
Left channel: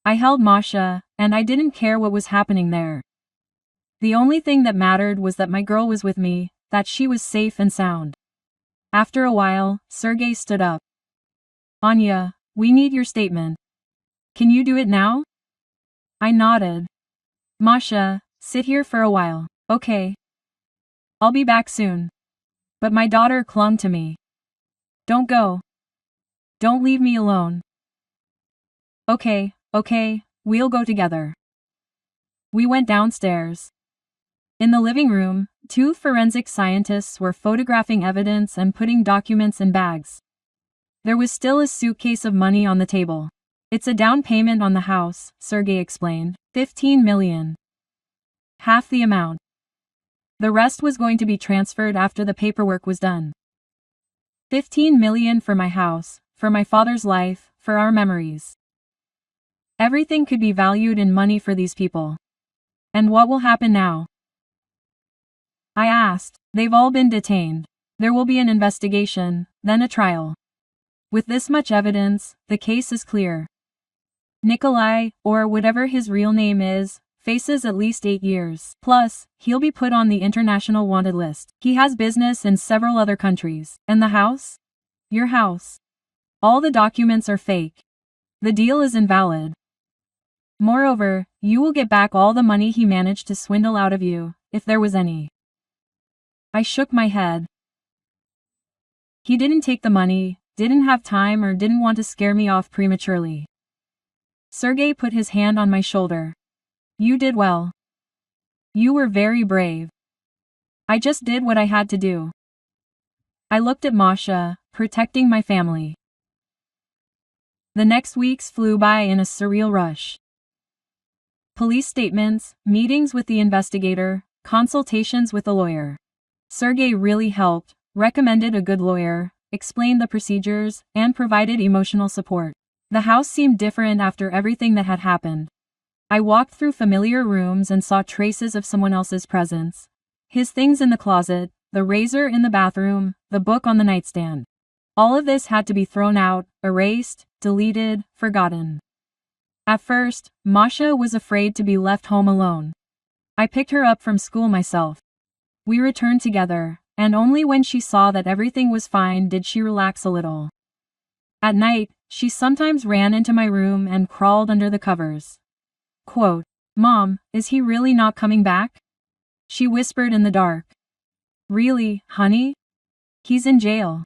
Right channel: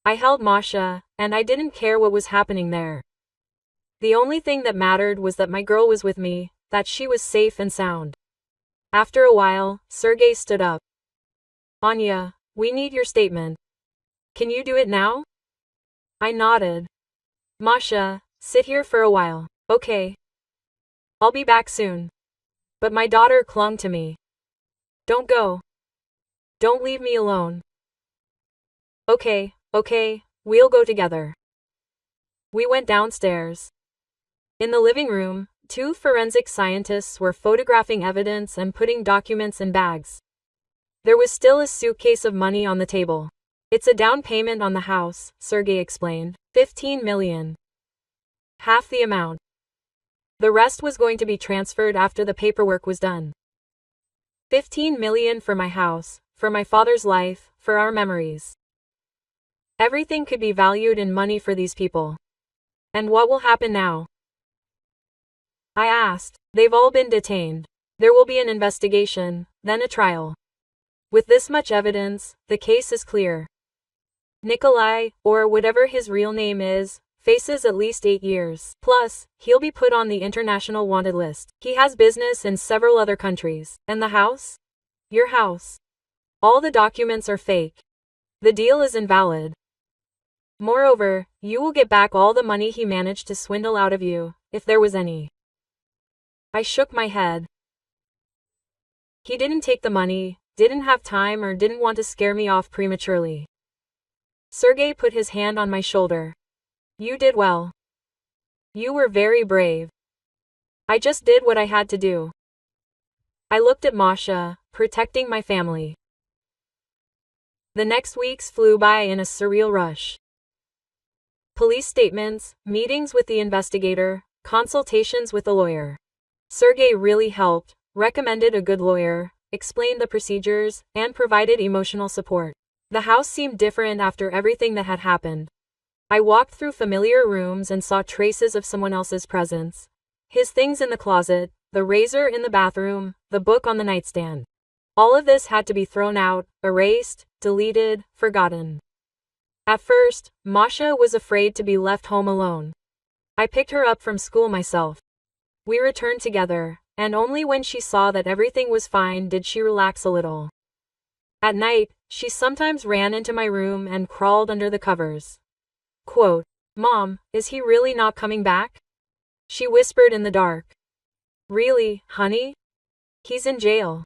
I held Masha, and I didn't care what was happening there. The only thing that mattered was that my girl was with me, that she was safe and sound. After a while, Sergey stood up. "Anya, we need your statement. Can you do it now?" I nodded. "Masha, sit here for a while." "Okay. I'll be back soon." But my daughter clung to me. "Don't go. Don't leave me alone." Okay, we'll go together." We went downstairs. In the living room, two forensic scientists were photographing evidence and putting documents in bags. There was still a suitcase of money on the table. It's a down payment on the house, Sergey explained. 15 million. Half the amount. The rest was going to be transferred after the paperwork was done. 15 million for my house, for my father's life, for our memories. Everything could be valued in money for these people. And what will happen now? I asked. They've all been detained. There will be an investigation, then a trial. With this much evidence, the case is clear. Nikolai, or whatever his real name is, faces at least 8 years. Plus, he'll be put on the international wanted list. He has business in several other countries. And the house? Your house. All the documents are fake. The deal is invalid. Moreover, you will get back all the money he managed to swindle out of you, if there was any. I shook my head. He didn't take the money, didn't have time, or didn't want to scare me off prematurely. Sergey put his hand on my shoulder. You did well. You were very brave. I just did what I had to do. I looked at Masha, protecting my family. The next weeks flew by in a surreal rush. Police statements, meetings with the investigator, consultations with the lawyer. Sergey really helped, recommended a good lawyer, explained the procedures, and provided emotional support. The house seemed different after everything that had happened. I walked through familiar rooms and saw traces of someone else's presence. His things in the closet, the razor in the bathroom, the book on the nightstand. All of this had to be thrown out, erased, deleted, forgotten. At first, Masha was afraid to be left home alone. I picked her up from school myself. We returned together, and only when she saw that everything was fine did she relax a little. At night, she sometimes ran into my room and crawled under the covers. Quote, "Mom, is he really not coming back?" She whispered in the dark. "Really, honey? He's in jail.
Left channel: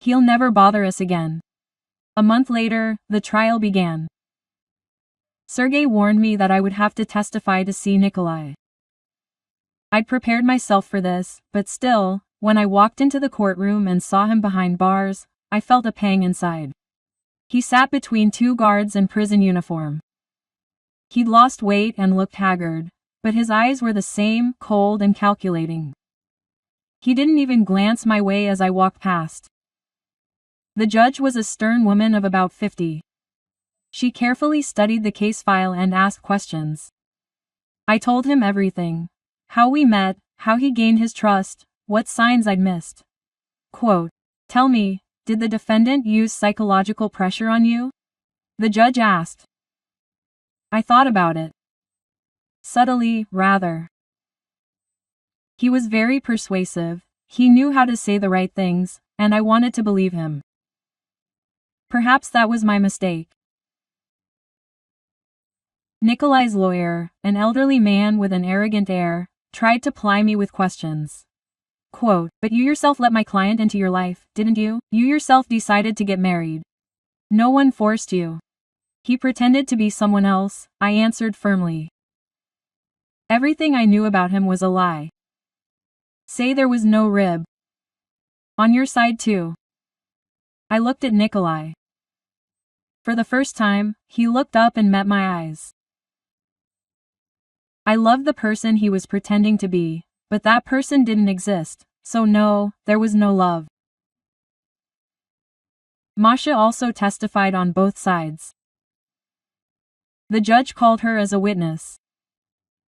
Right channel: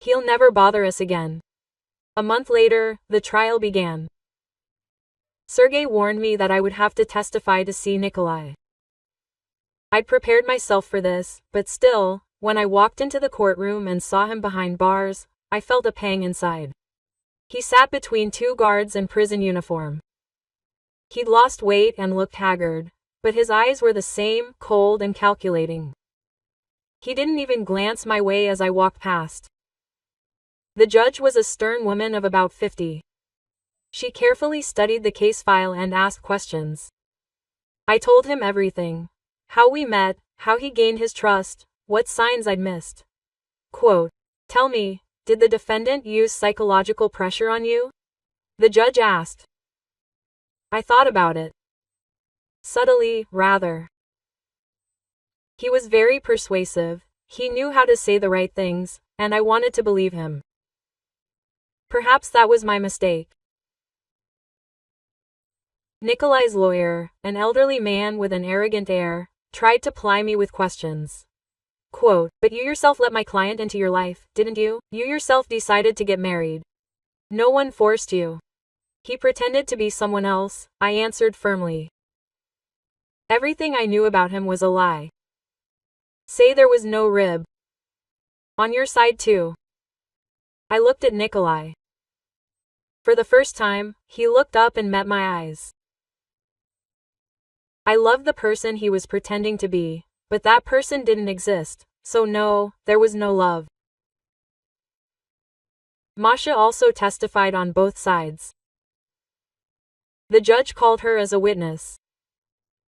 He'll never bother us again." A month later, the trial began. Sergey warned me that I would have to testify to see Nikolai. I'd prepared myself for this, but still, when I walked into the courtroom and saw him behind bars, I felt a pang inside. He sat between two guards in prison uniform. He'd lost weight and looked haggard, but his eyes were the same, cold and calculating. He didn't even glance my way as I walked past. The judge was a stern woman of about 50. She carefully studied the case file and asked questions. I told him everything. How we met, how he gained his trust, what signs I'd missed. Quote, "Tell me, did the defendant use psychological pressure on you?" The judge asked. I thought about it. Subtly, rather. He was very persuasive, he knew how to say the right things, and I wanted to believe him. Perhaps that was my mistake. Nikolai's lawyer, an elderly man with an arrogant air, tried to ply me with questions. Quote, "But you yourself let my client into your life, didn't you? You yourself decided to get married. No one forced you." He pretended to be someone else, I answered firmly. Everything I knew about him was a lie. Say there was no rib. On your side too. I looked at Nikolai. For the first time, he looked up and met my eyes. I loved the person he was pretending to be, but that person didn't exist, so no, there was no love. Masha also testified on both sides. The judge called her as a witness.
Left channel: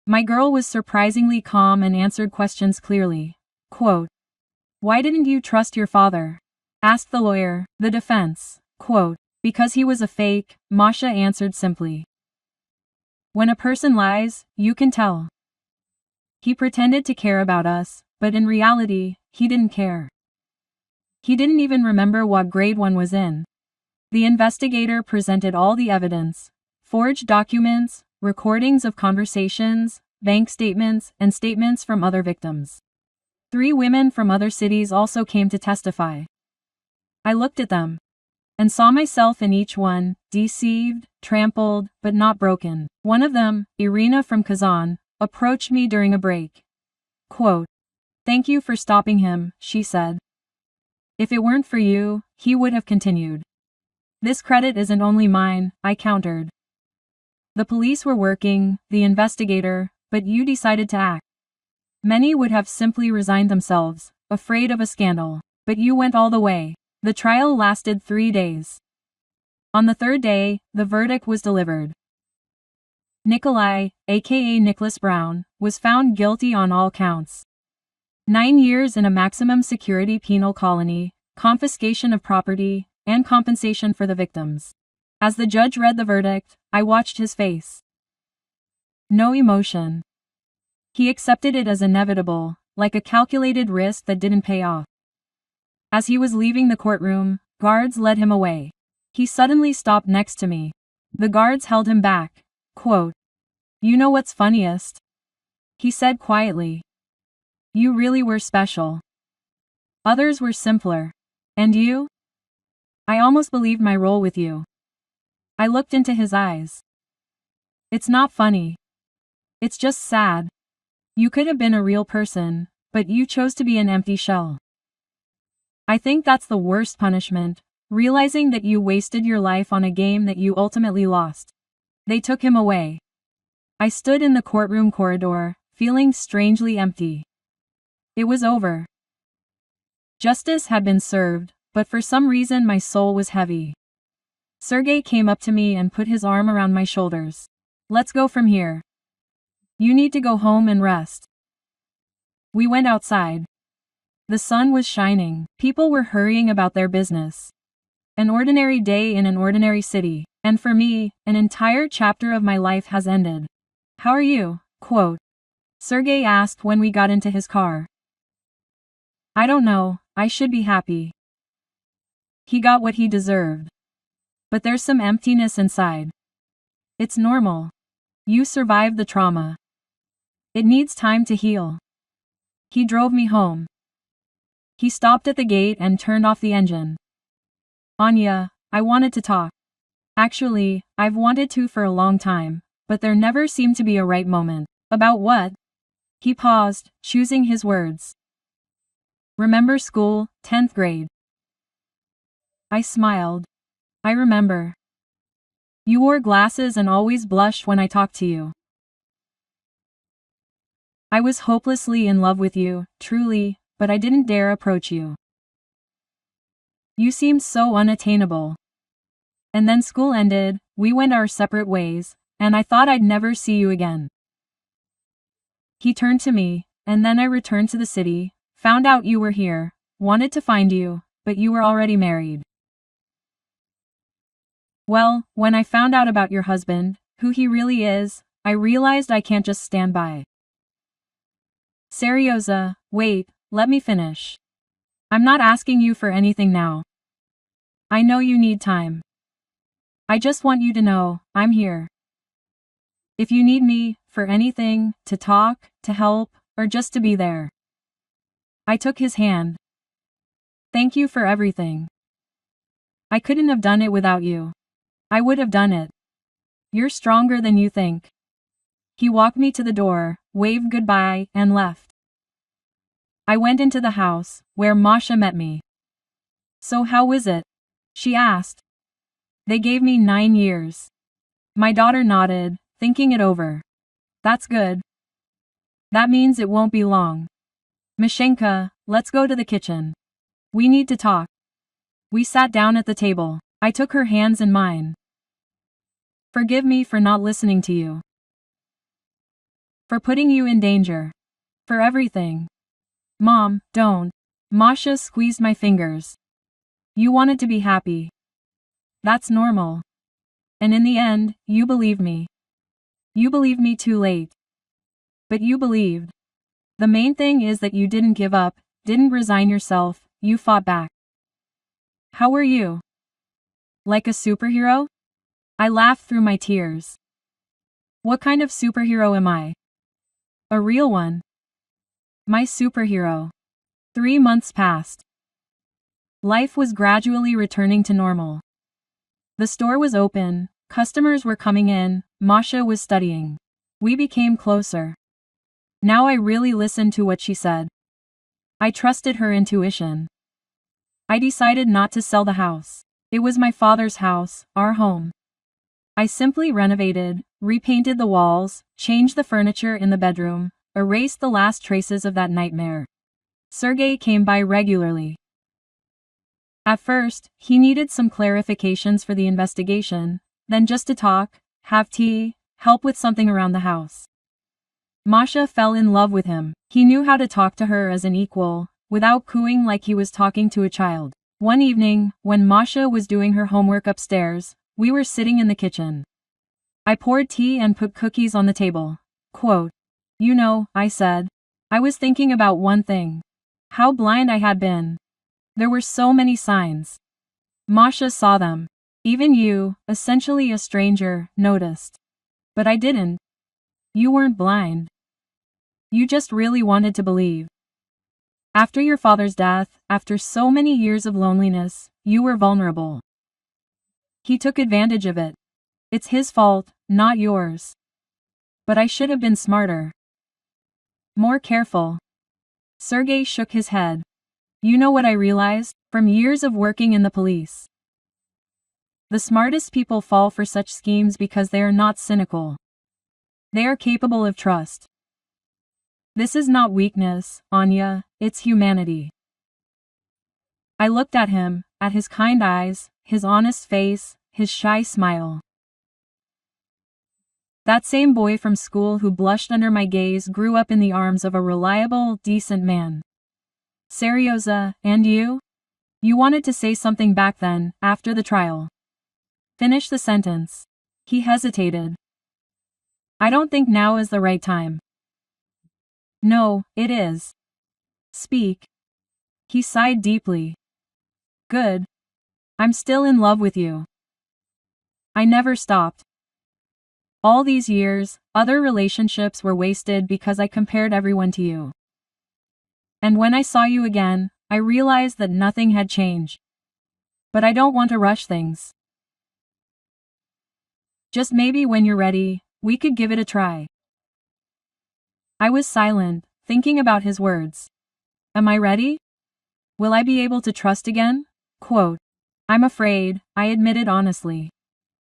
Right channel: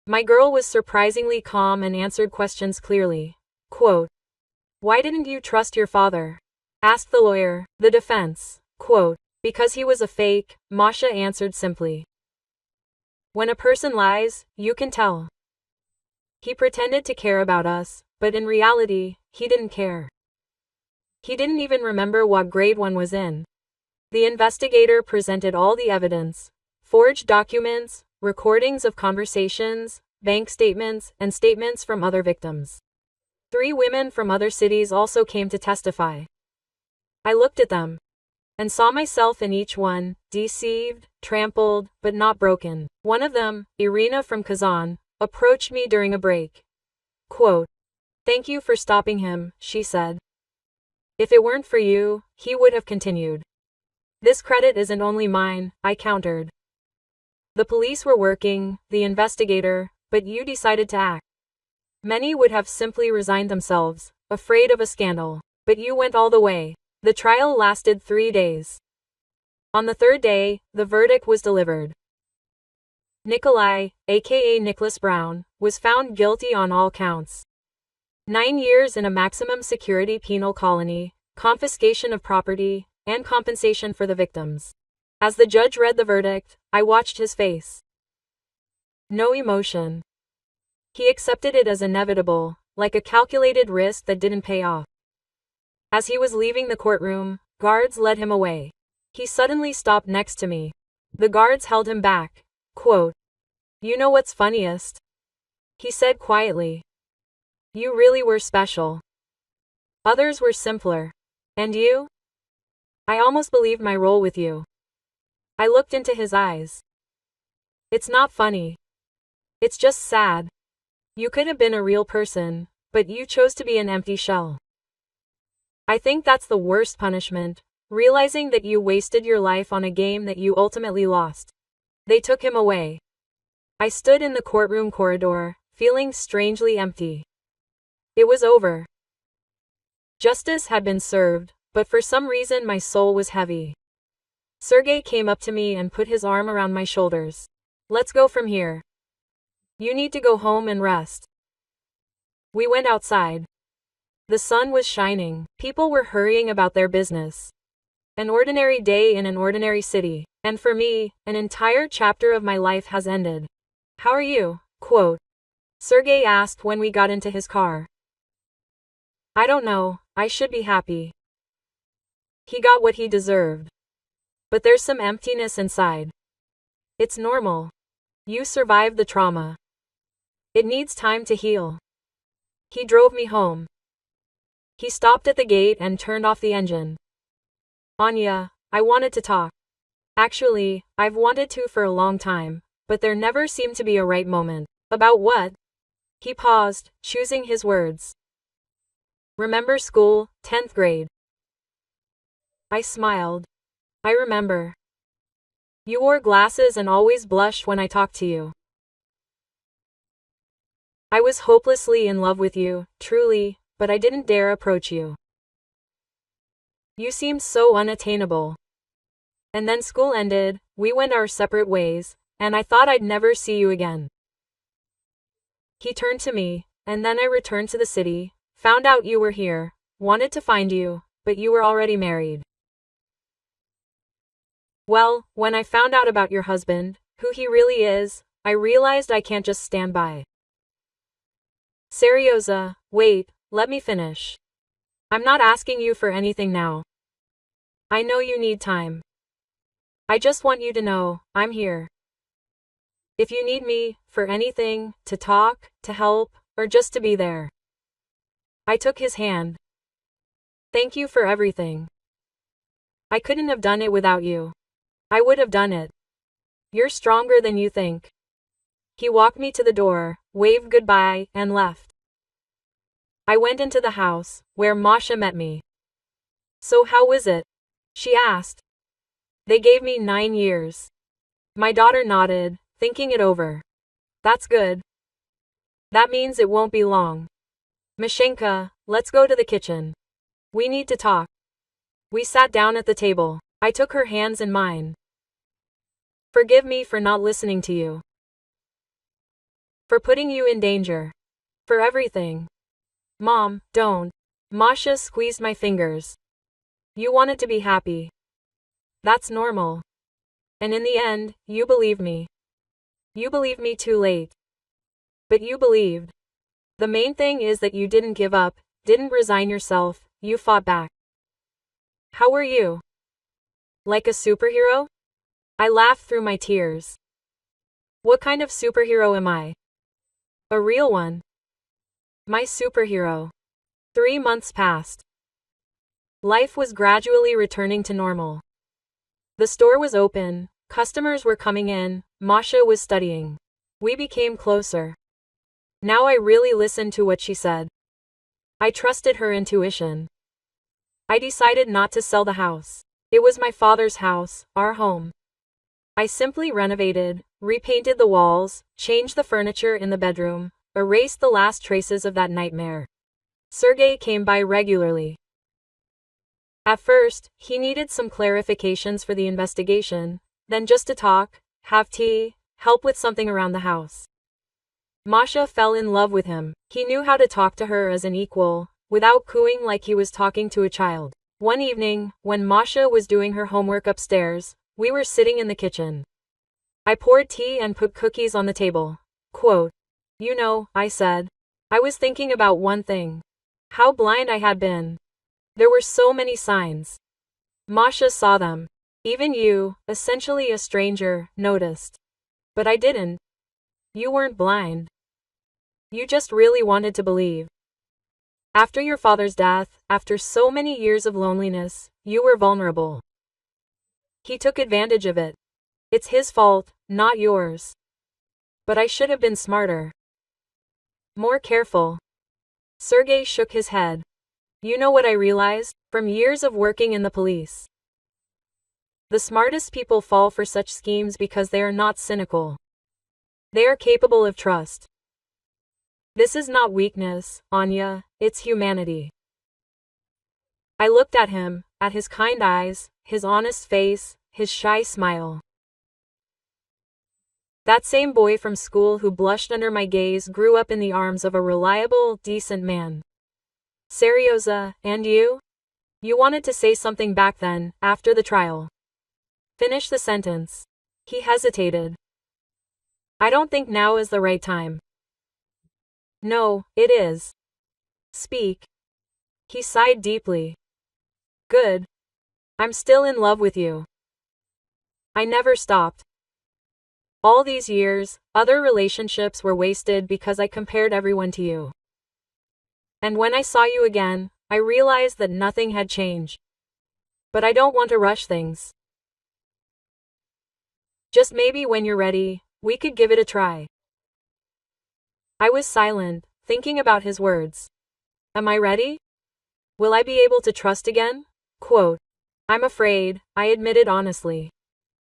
My girl was surprisingly calm and answered questions clearly. Quote, "Why didn't you trust your father?" asked the lawyer. The defense. Quote, "Because he was a fake," Masha answered simply. When a person lies, you can tell. He pretended to care about us, but in reality, he didn't care. He didn't even remember what grade one was in. The investigator presented all the evidence. Forged documents, recordings of conversations, bank statements, and statements from other victims. 3 women from other cities also came to testify. I looked at them and saw myself in each one, deceived, trampled, but not broken. One of them, Irina from Kazan, approached me during a break. Quote, "Thank you for stopping him," she said. "If it weren't for you, he would have continued." "This credit isn't only mine," I countered. "The police were working, the investigator, but you decided to act. Many would have simply resigned themselves, afraid of a scandal. But you went all the way." The trial lasted 3 days. On the third day, the verdict was delivered. Nikolai, aka Nicholas Brown, was found guilty on all counts. 9 years in a maximum security penal colony, confiscation of property, and compensation for the victims. As the judge read the verdict, I watched his face. No emotion. He accepted it as inevitable, like a calculated risk that didn't pay off. As he was leaving the courtroom, guards led him away. He suddenly stopped next to me. The guards held him back. Quote, "You know what's funniest?" He said quietly. "You really were special. Others were simpler. And you? I almost believed my role with you." I looked into his eyes. "It's not funny. It's just sad. You could have been a real person, but you chose to be an empty shell. I think that's the worst punishment, realizing that you wasted your life on a game that you ultimately lost." They took him away. I stood in the courtroom corridor, feeling strangely empty. It was over. Justice had been served, but for some reason my soul was heavy. Sergey came up to me and put his arm around my shoulders. "Let's go from here. You need to go home and rest." We went outside. The sun was shining, people were hurrying about their business. An ordinary day in an ordinary city, and for me, an entire chapter of my life has ended. "How are you?" Quote, Sergey asked when we got into his car. "I don't know, I should be happy. He got what he deserved. But there's some emptiness inside. It's normal. You survived the trauma. It needs time to heal." He drove me home. He stopped at the gate and turned off the engine. "Anya, I wanted to talk. Actually, I've wanted to for a long time, but there never seemed to be a right moment." "About what?" He paused, choosing his words. "Remember school, 10th grade?" I smiled. "I remember. You wore glasses and always blushed when I talked to you. I was hopelessly in love with you, truly, but I didn't dare approach you. You seemed so unattainable. And then school ended, we went our separate ways, and I thought I'd never see you again." He turned to me, "And then I returned to the city, found out you were here, wanted to find you, but you were already married. Well, when I found out about your husband, who he really is, I realized I can't just stand by." "Serioza, wait, let me finish. I'm not asking you for anything now. I know you need time. I just want you to know, I'm here. If you need me, for anything, to talk, to help, or just to be there." I took his hand. "Thank you for everything. I couldn't have done it without you. I would have done it. You're stronger than you think." He walked me to the door, waved goodbye, and left. I went into the house, where Masha met me. "So how was it?" she asked. "They gave me 9 years. My daughter nodded, thinking it over. "That's good. That means it won't be long. Mashenka, let's go to the kitchen. We need to talk." We sat down at the table. I took her hands in mine. "Forgive me for not listening to you. For putting you in danger. For everything. Mom, don't." Masha squeezed my fingers. "You wanted to be happy. That's normal. And in the end, you believed me. You believed me too late. But you believed. The main thing is that you didn't give up, didn't resign yourself, you fought back. How were you? Like a superhero?" I laughed through my tears. "What kind of superhero am I?" "A real one. My superhero." 3 months passed. Life was gradually returning to normal. The store was open, customers were coming in, Masha was studying. We became closer. Now I really listened to what she said. I trusted her intuition. I decided not to sell the house. It was my father's house, our home. I simply renovated, repainted the walls, changed the furniture in the bedroom, erased the last traces of that nightmare. Sergey came by regularly. At first, he needed some clarifications for the investigation, then just to talk, have tea, help with something around the house. Masha fell in love with him. He knew how to talk to her as an equal, without cooing like he was talking to a child. One evening, when Masha was doing her homework upstairs, we were sitting in the kitchen. I poured tea and put cookies on the table. Quote, "You know," I said, "I was thinking about one thing. How blind I had been. There were so many signs. Masha saw them. Even you, essentially a stranger, noticed. But I didn't. You weren't blind. You just really wanted to believe. After your father's death, after so many years of loneliness, you were vulnerable. He took advantage of it. It's his fault, not yours. But I should have been smarter. More careful." Sergey shook his head. "You know what I realized, from years of working in the police? The smartest people fall for such schemes because they are not cynical. They are capable of trust. This is not weakness, Anya, it's humanity." I looked at him, at his kind eyes, his honest face, his shy smile. That same boy from school who blushed under my gaze grew up in the arms of a reliable, decent man. "Serioza, and you? You wanted to say something back then, after the trial. Finish the sentence." He hesitated. "I don't think now is the right time." "No, it is. Speak." He sighed deeply. "Good. I'm still in love with you. I never stopped. All these years, other relationships were wasted because I compared everyone to you. And when I saw you again, I realized that nothing had changed. But I don't want to rush things. Just maybe when you're ready, we could give it a try." I was silent, thinking about his words. Am I ready? Will I be able to trust again? Quote, "I'm afraid," I admitted honestly.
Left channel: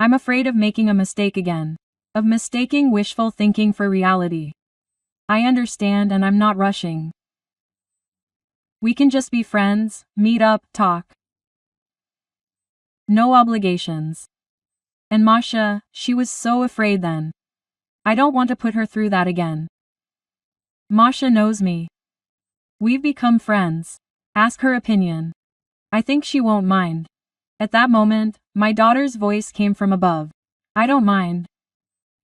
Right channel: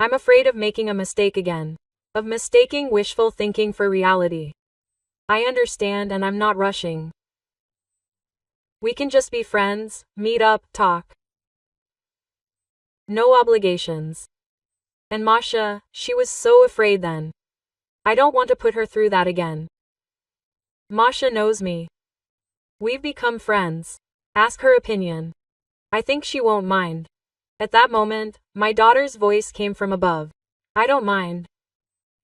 "I'm afraid of making a mistake again. Of mistaking wishful thinking for reality. I understand and I'm not rushing. We can just be friends, meet up, talk. No obligations." And Masha, she was so afraid then. I don't want to put her through that again. Masha knows me. We've become friends. Ask her opinion. I think she won't mind. At that moment, my daughter's voice came from above. "I don't mind."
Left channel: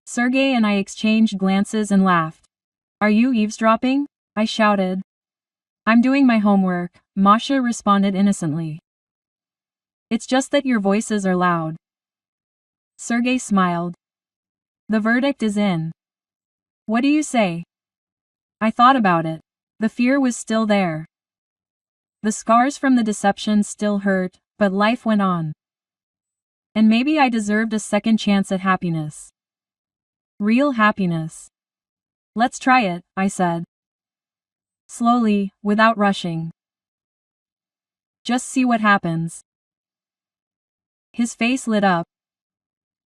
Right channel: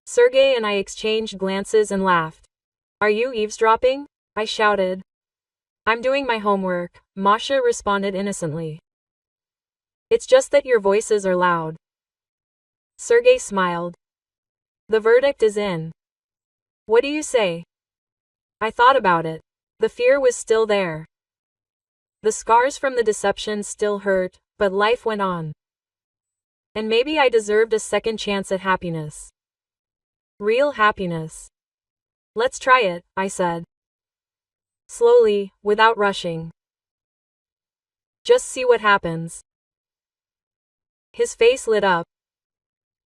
Sergey and I exchanged glances and laughed. "Are you eavesdropping?" I shouted. "I'm doing my homework," Masha responded innocently. "It's just that your voices are loud." Sergey smiled. "The verdict is in. What do you say?" I thought about it. The fear was still there. The scars from the deception still hurt, but life went on. And maybe I deserved a second chance at happiness. Real happiness. "Let's try it," I said. Slowly, without rushing. "Just see what happens." His face lit up.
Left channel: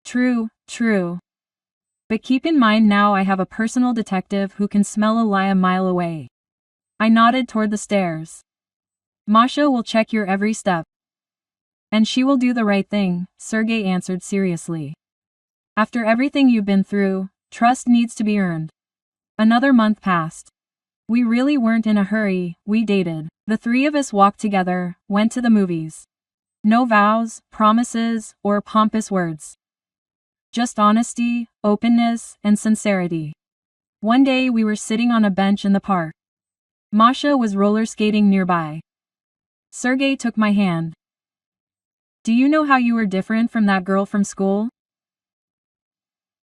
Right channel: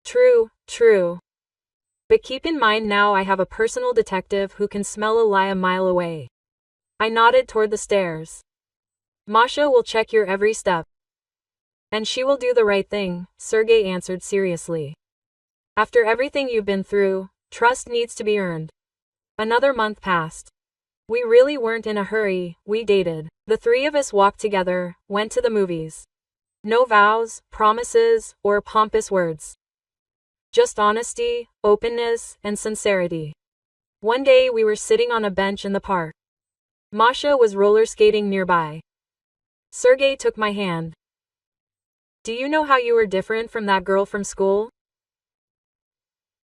"True, true. But keep in mind now I have a personal detective who can smell a lie a mile away." I nodded toward the stairs. "Masha will check your every step. And she will do the right thing," Sergey answered seriously. "After everything you've been through, trust needs to be earned." Another month passed. We really weren't in a hurry, we dated. The three of us walked together, went to the movies. No vows, promises, or pompous words. Just honesty, openness, and sincerity. One day we were sitting on a bench in the park. Masha was roller skating nearby. Sergey took my hand. "Do you know how you were different from that girl from school?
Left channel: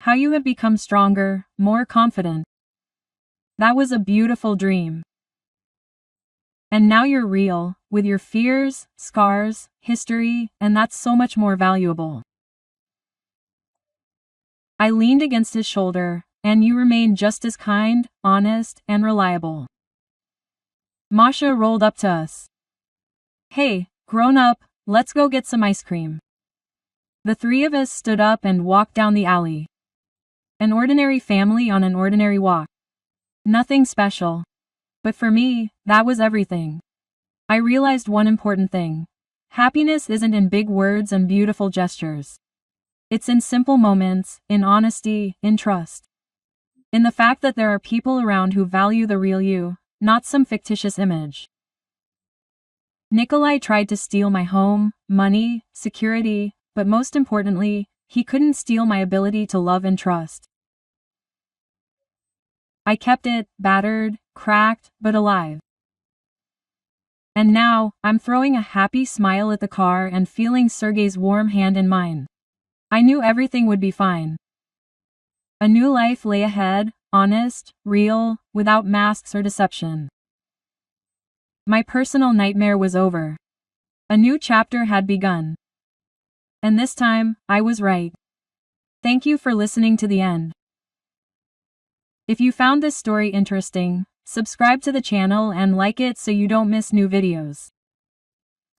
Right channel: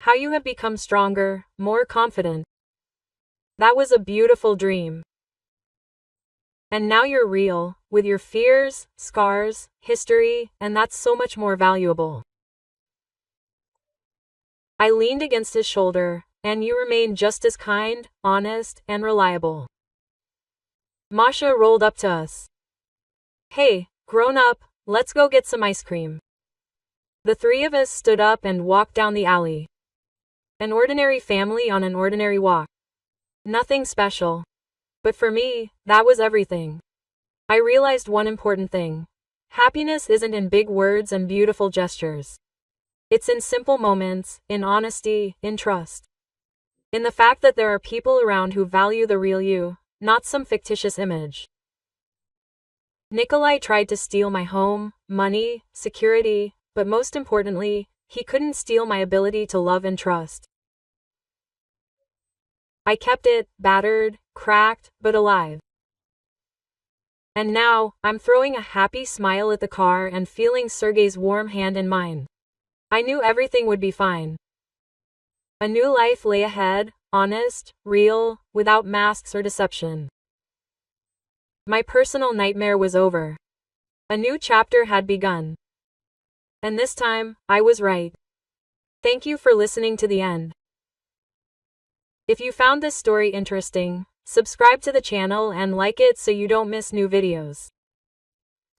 How you have become stronger, more confident. That was a beautiful dream. And now you're real, with your fears, scars, history, and that's so much more valuable." I leaned against his shoulder, And you remain just as kind, honest, and reliable. Masha rolled up to us. Hey, grown up, let's go get some ice cream. The three of us stood up and walked down the alley. An ordinary family on an ordinary walk. Nothing special. But for me, that was everything. I realized one important thing. Happiness isn't in big words and beautiful gestures. It's in simple moments, in honesty, in trust. In the fact that there are people around who value the real you, not some fictitious image. Nikolai tried to steal my home, money, security, but most importantly, he couldn't steal my ability to love and trust. I kept it, battered, cracked, but alive. And now, I'm throwing a happy smile at the car and feeling Sergey's warm hand in mine. I knew everything would be fine. A new life lay ahead, honest, real, without masks or deception. My personal nightmare was over. A new chapter had begun. And this time, I was right. Thank you for listening to the end. If you found this story interesting, subscribe to the channel and like it so you don't miss new videos.